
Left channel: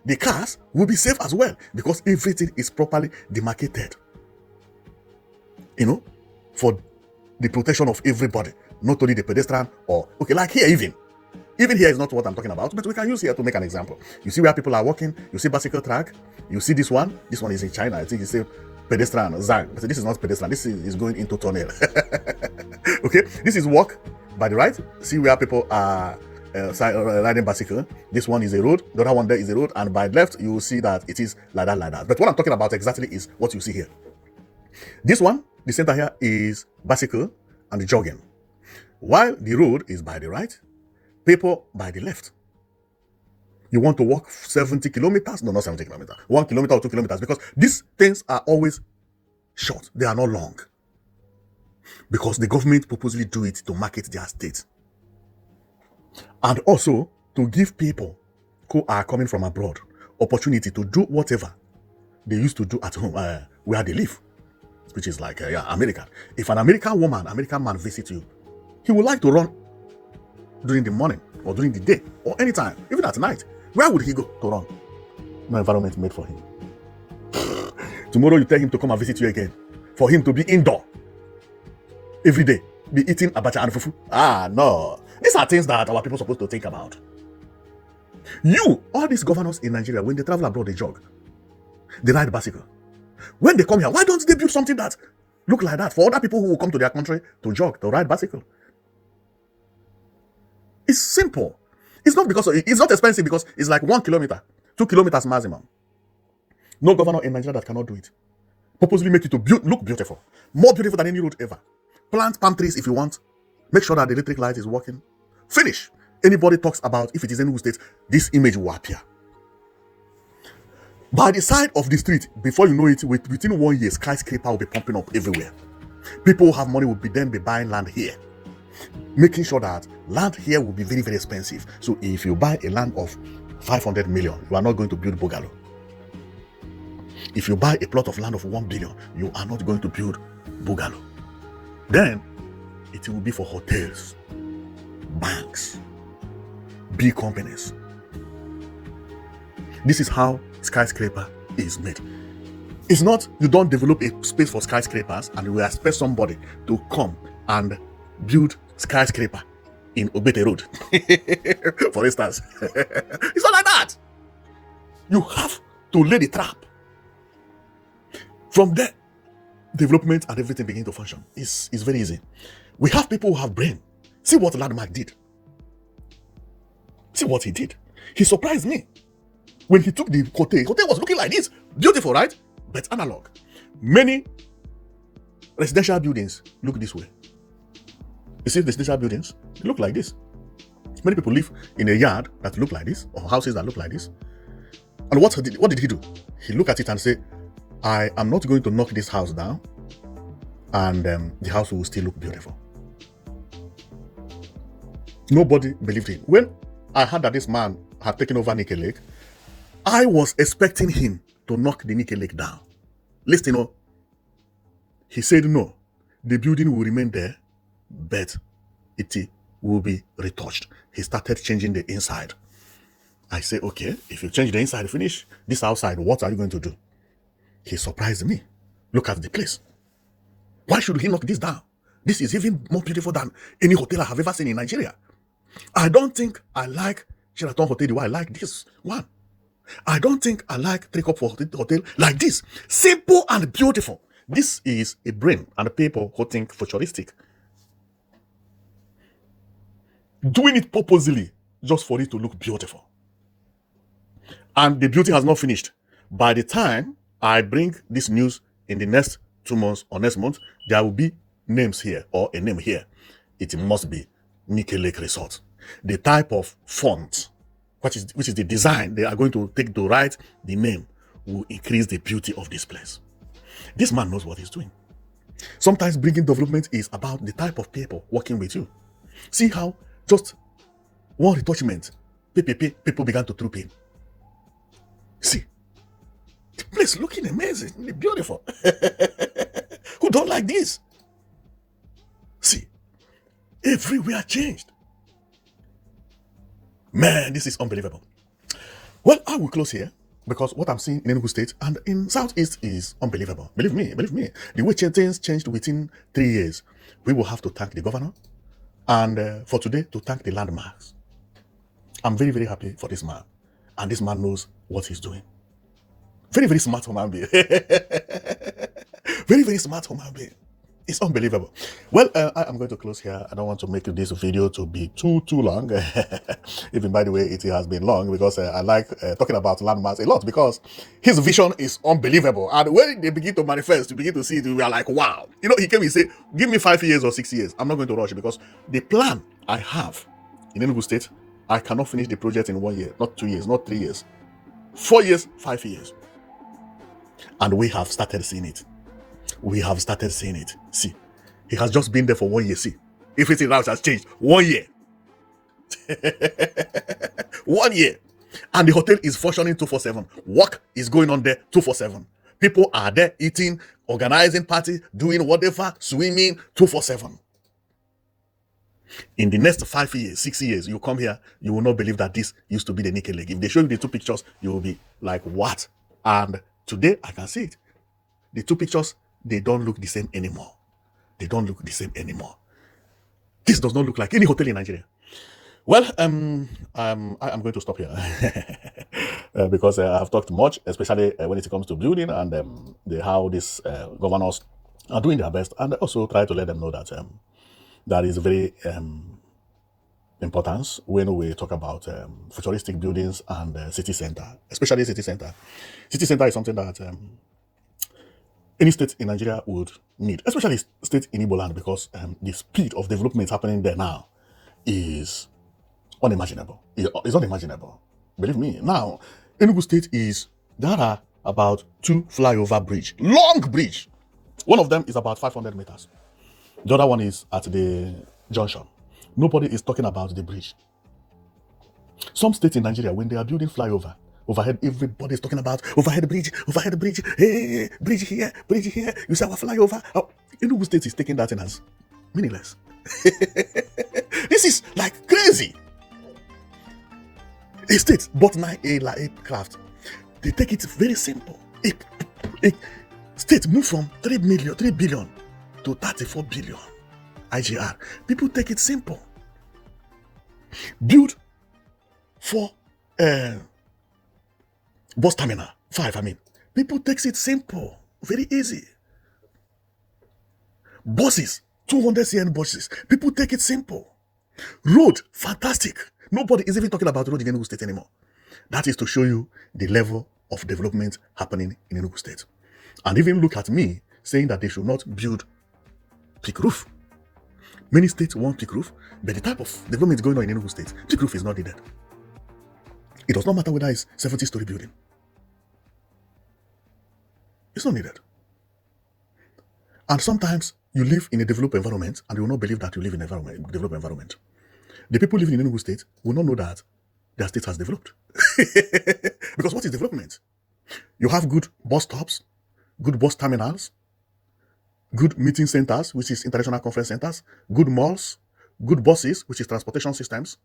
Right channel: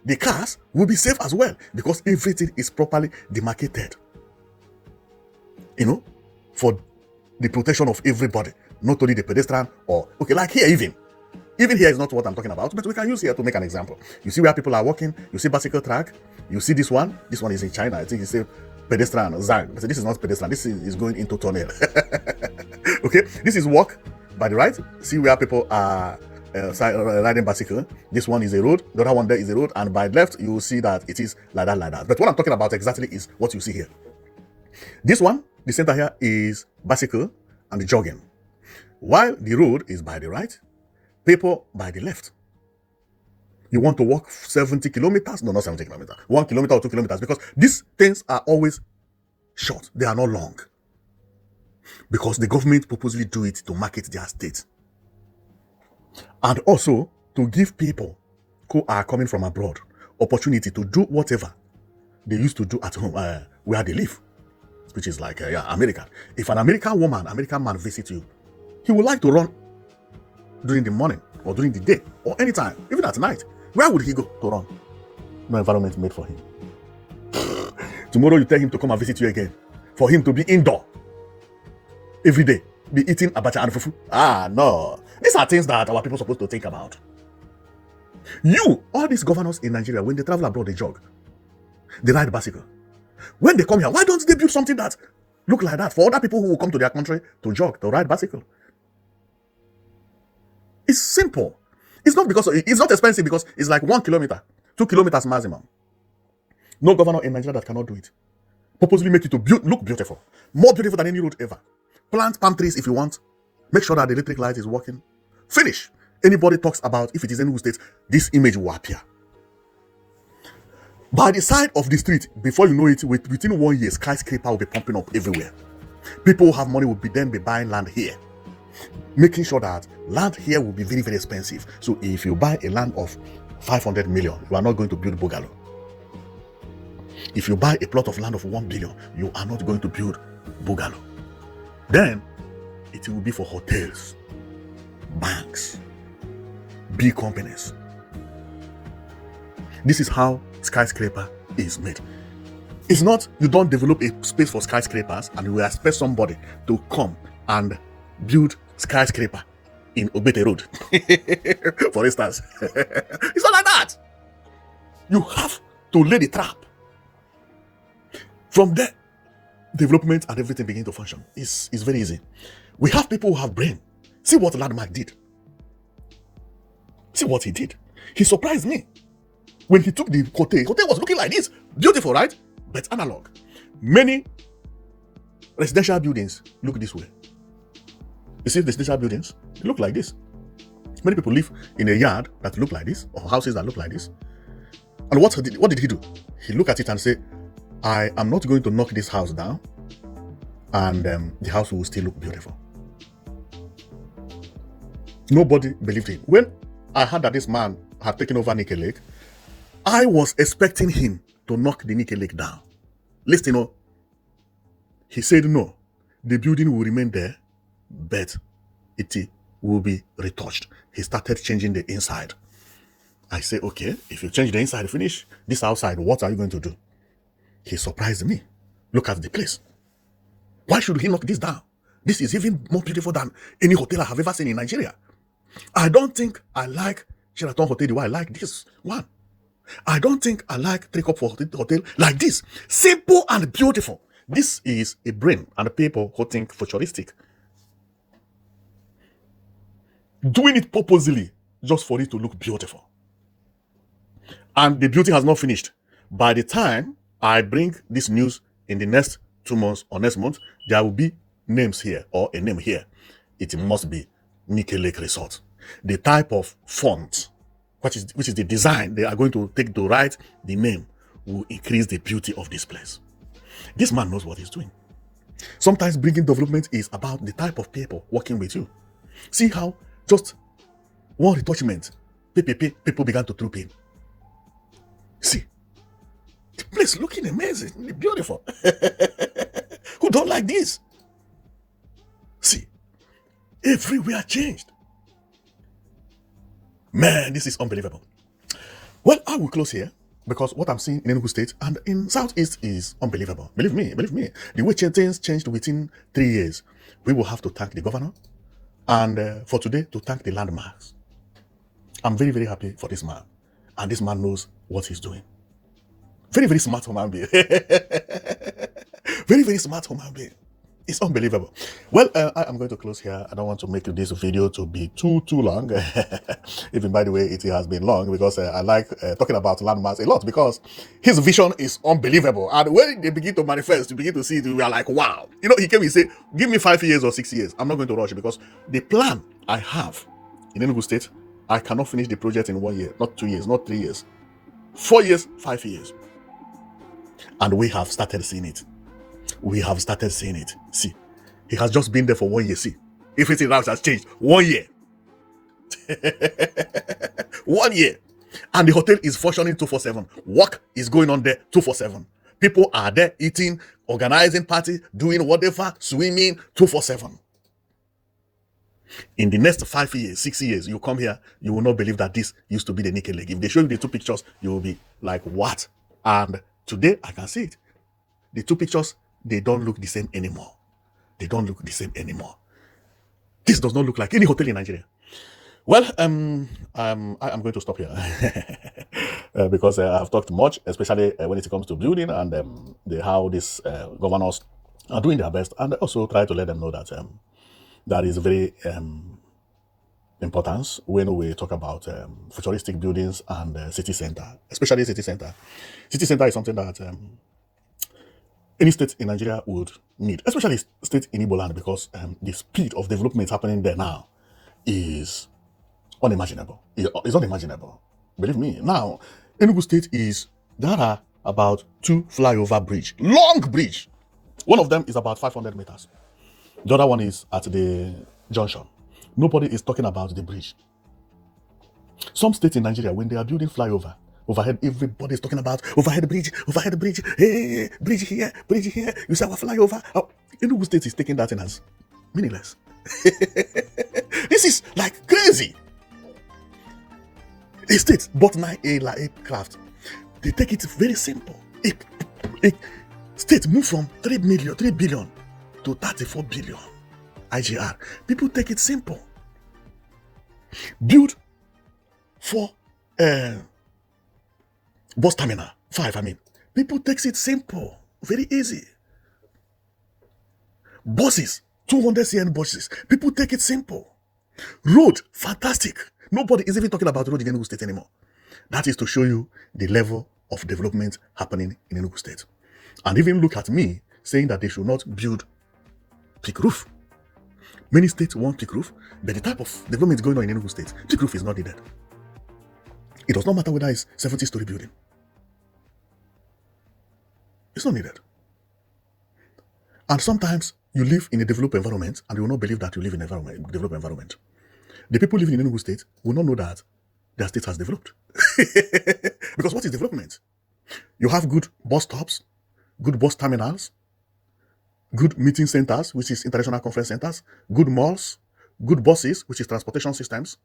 The cars will be safe as well because everything is properly demarcated. For the protection of everybody, not only the pedestrian or, like here even. Even here is not what I'm talking about, but we can use here to make an example. You see where people are walking, you see bicycle track, you see this one is in China, I think you see pedestrian, Zang. So this is not pedestrian, this is going into tunnel. Okay, this is walk by the right, see where people are riding bicycle. This one is the road, the other one there is the road, and by left you will see that it is like that. But what I'm talking about exactly is what you see here. This one, the center here is bicycle and jogging, while the road is by the right, people by the left. You want to walk 70 kilometers? No, not 70 kilometers. 1 kilometer or 2 kilometers, because these things are always short. They are not long. Because the government purposely do it to market their state. And also to give people who are coming from abroad opportunity to do whatever they used to do at home where they live. Which is like America. If an American man visits you, he would like to run during the morning or during the day or anytime, even at night. Where would he go to run? No environment made for him. Tomorrow you tell him to come and visit you again. For him to be indoor every day, be eating abacha and fufu. No. These are things that our people are supposed to think about. All these governors in Nigeria, when they travel abroad, they jog. They ride bicycle. When they come here, why don't they build something that look like that for other people who will come to their country to jog, to ride bicycle? It's simple. It's not expensive because it's like 1 kilometer, 2 kilometers maximum. No governor in Nigeria that cannot do it. Purposely make it to look beautiful. More beautiful than any road ever. Plant palm trees if you want. Make sure that the electric light is working. Finish. Anybody talks about if it is Enugu State, this image will appear. By the side of the street, before you know it, within 1 year, Skyscraper will be pumping up everywhere. People who have money will be buying land here. Making sure that land here will be very, very expensive. So if you buy a land of 500 million, you are not going to build bungalow. If you buy a plot of land of 1 billion, you are not going to build bungalow. Then it will be for hotels, banks, big companies. This is how Skyscraper is made. It's not you don't develop a space for skyscrapers and you expect somebody to come and build skyscraper in Obete Road, for instance. It's not like that. You have to lay the trap. From there, development and everything begin to function. It's very easy. We have people who have brain. See what Landmark did. See what he did. He surprised me. When he took the hotel was looking like this. Beautiful, right? But analog. Many residential buildings look this way. You see residential buildings? They look like this. Many people live in a yard that look like this, or houses that look like this. And what did he do? He looked at it and said, I am not going to knock this house down, and the house will still look beautiful. Nobody believed him. When I heard that this man had taken over Nike Lake, I was expecting him to knock the Nike Lake down. Listen, he said no, the building will remain there, but it will be retouched. He started changing the inside. I said, okay, if you change the inside, finish this outside, what are you going to do? He surprised me. Look at the place. Why should he knock this down? This is even more beautiful than any hotel I have ever seen in Nigeria. I don't think I like Sheraton Hotel the way I like this one. I don't think I like Three Cup Hotel like this. Simple and beautiful. This is a brain and people who think futuristic. Doing it purposely just for it to look beautiful. And the beauty has not finished. By the time I bring this news in the next 2 months or next month, there will be names here or a name here. It must be Nike Lake Resort. The type of font, which is the design they are going to take to write the name, will increase the beauty of this place. This man knows what he's doing. Sometimes bringing development is about the type of people working with you. See how just one retouchment, people began to troop in. See, the place looking amazing, beautiful. Who don't like this? See, everywhere changed. Man, this is unbelievable. Well, I will close here because what I'm seeing in Enugu State and in Southeast is unbelievable. Believe me. The way things changed within 3 years. We will have to thank the governor and for today to thank the landmarks. I'm very, very happy for this man. And this man knows what he's doing. Very, very smart human being. Very, very smart human being. It's unbelievable. Well, I am going to close here. I don't want to make this video to be too long. Even by the way, it has been long because I like talking about landmarks a lot because his vision is unbelievable. And when they begin to manifest, you begin to see it, we are like, wow. You know, he came and say, give me 5 years or 6 years. I'm not going to rush because the plan I have in Enugu State, I cannot finish the project in 1 year, not 2 years, not 3 years. 4 years, 5 years. And we have started seeing it. We have started seeing it. See, he has just been there for 1 year. See, everything else has changed. 1 year. 1 year. And the hotel is functioning 247. Work is going on there 247. People are there eating, organizing parties, doing whatever, swimming 247. In the next 5 years, 6 years, you come here, you will not believe that this used to be the Nike Lake. If they show you the 2 pictures, you will be like, what? And today, I can see it. The 2 pictures, they don't look the same anymore. They don't look the same anymore. This does not look like any hotel in Nigeria. Well, I am going to stop here because I've talked much, especially when it comes to building and how these governors are doing their best, and also try to let them know that that is very important when we talk about futuristic buildings and city center, especially city center. City center is something that any state in Nigeria would need, especially state in Igbo land, because the speed of development happening there now is unimaginable. It's unimaginable. Believe me. Now, Enugu State there are about 2 flyover bridge, long bridge. One of them is about 500 meters. The other one is at the junction. Nobody is talking about the bridge. Some states in Nigeria, when they are building flyover, overhead, everybody is talking about overhead bridge, hey, bridge here. You say our flyover. Oh, Enugu State is taking that in as meaningless. This is like crazy. state bought now a like aircraft. They take it very simple. A state move from 3 billion to 34 billion IGR. People take it simple. Build for those terminal 5, I mean. People takes it simple, very easy. Buses, 200 cm buses. People take it simple. Road, fantastic. Nobody is even talking about road in Enugu State anymore. That is to show you the level of development happening in Enugu State. And even look at me saying that they should not build peak roof. Many states want peak roof, but the type of development going on in Enugu State, peak roof is not needed. It does not matter whether it's 70-story building. It's not needed. And sometimes you live in a developed environment and you will not believe that you live in a developed environment. The people living in Enugu State will not know that their state has developed. Because what is development? You have good bus stops, good bus terminals, good meeting centers, which is international conference centers, good malls, good buses, which is transportation systems,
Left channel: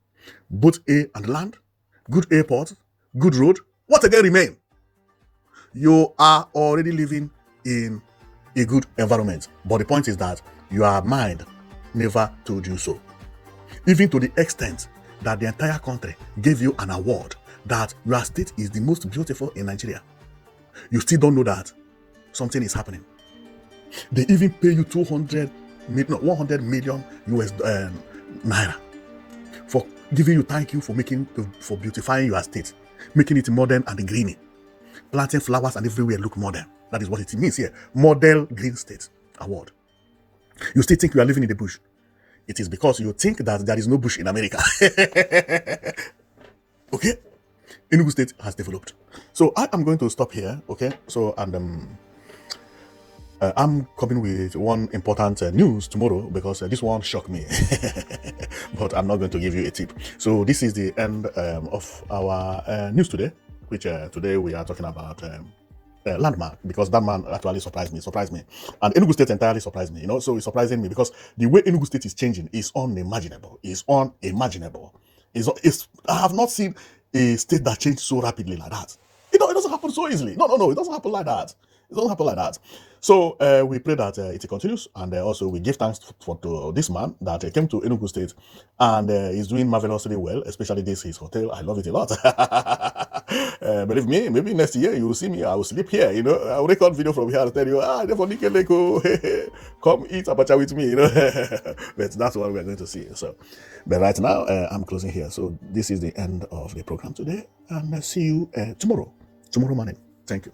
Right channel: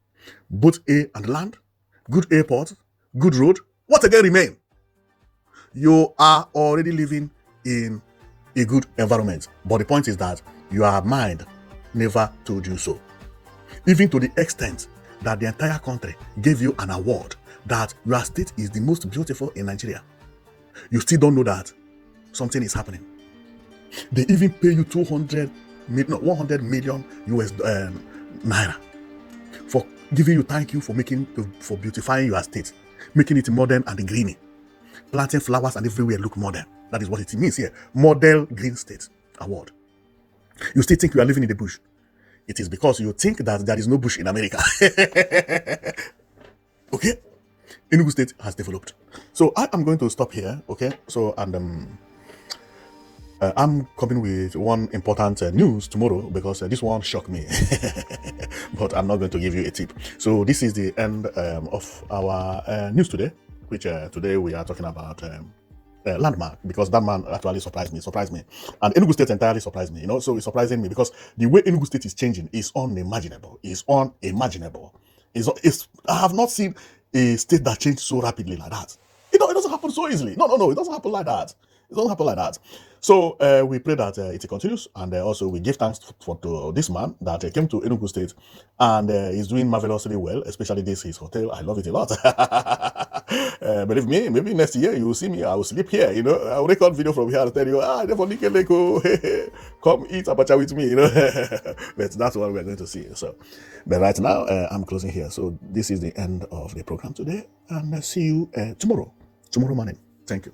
both air and land, good airport, good road. What again remain? You are already living in a good environment. But the point is that your mind never told you so. Even to the extent that the entire country gave you an award that your state is the most beautiful in Nigeria. You still don't know that something is happening. They even pay you 100 million US naira for giving you thank you for beautifying your state, making it modern and green, planting flowers and everywhere look modern. That is what it means here. Model Green State Award. You still think you are living in the bush. It is because you think that there is no bush in America. Okay? Enugu State has developed. So I am going to stop here. Okay? So I'm coming with one important news tomorrow because this one shocked me. But I'm not going to give you a tip. So this is the end of our news today, which today we are talking about landmark, because that man actually surprised me. And Enugu State entirely surprised me, so it's surprising me because the way Enugu State is changing is unimaginable. I have not seen a state that changed so rapidly like that. It doesn't happen so easily. No, it doesn't happen like that. It doesn't happen like that. So we pray that it continues, and also we give thanks to this man that came to Enugu State and is doing marvelously well, especially this his hotel. I love it a lot. Believe me, maybe next year you will see me. I will sleep here. I will record video from here and tell you, definitely come eat abacha with me. But that's what we're going to see. So, but right now I'm closing here. So this is the end of the program today, and I'll see you tomorrow morning. Thank you.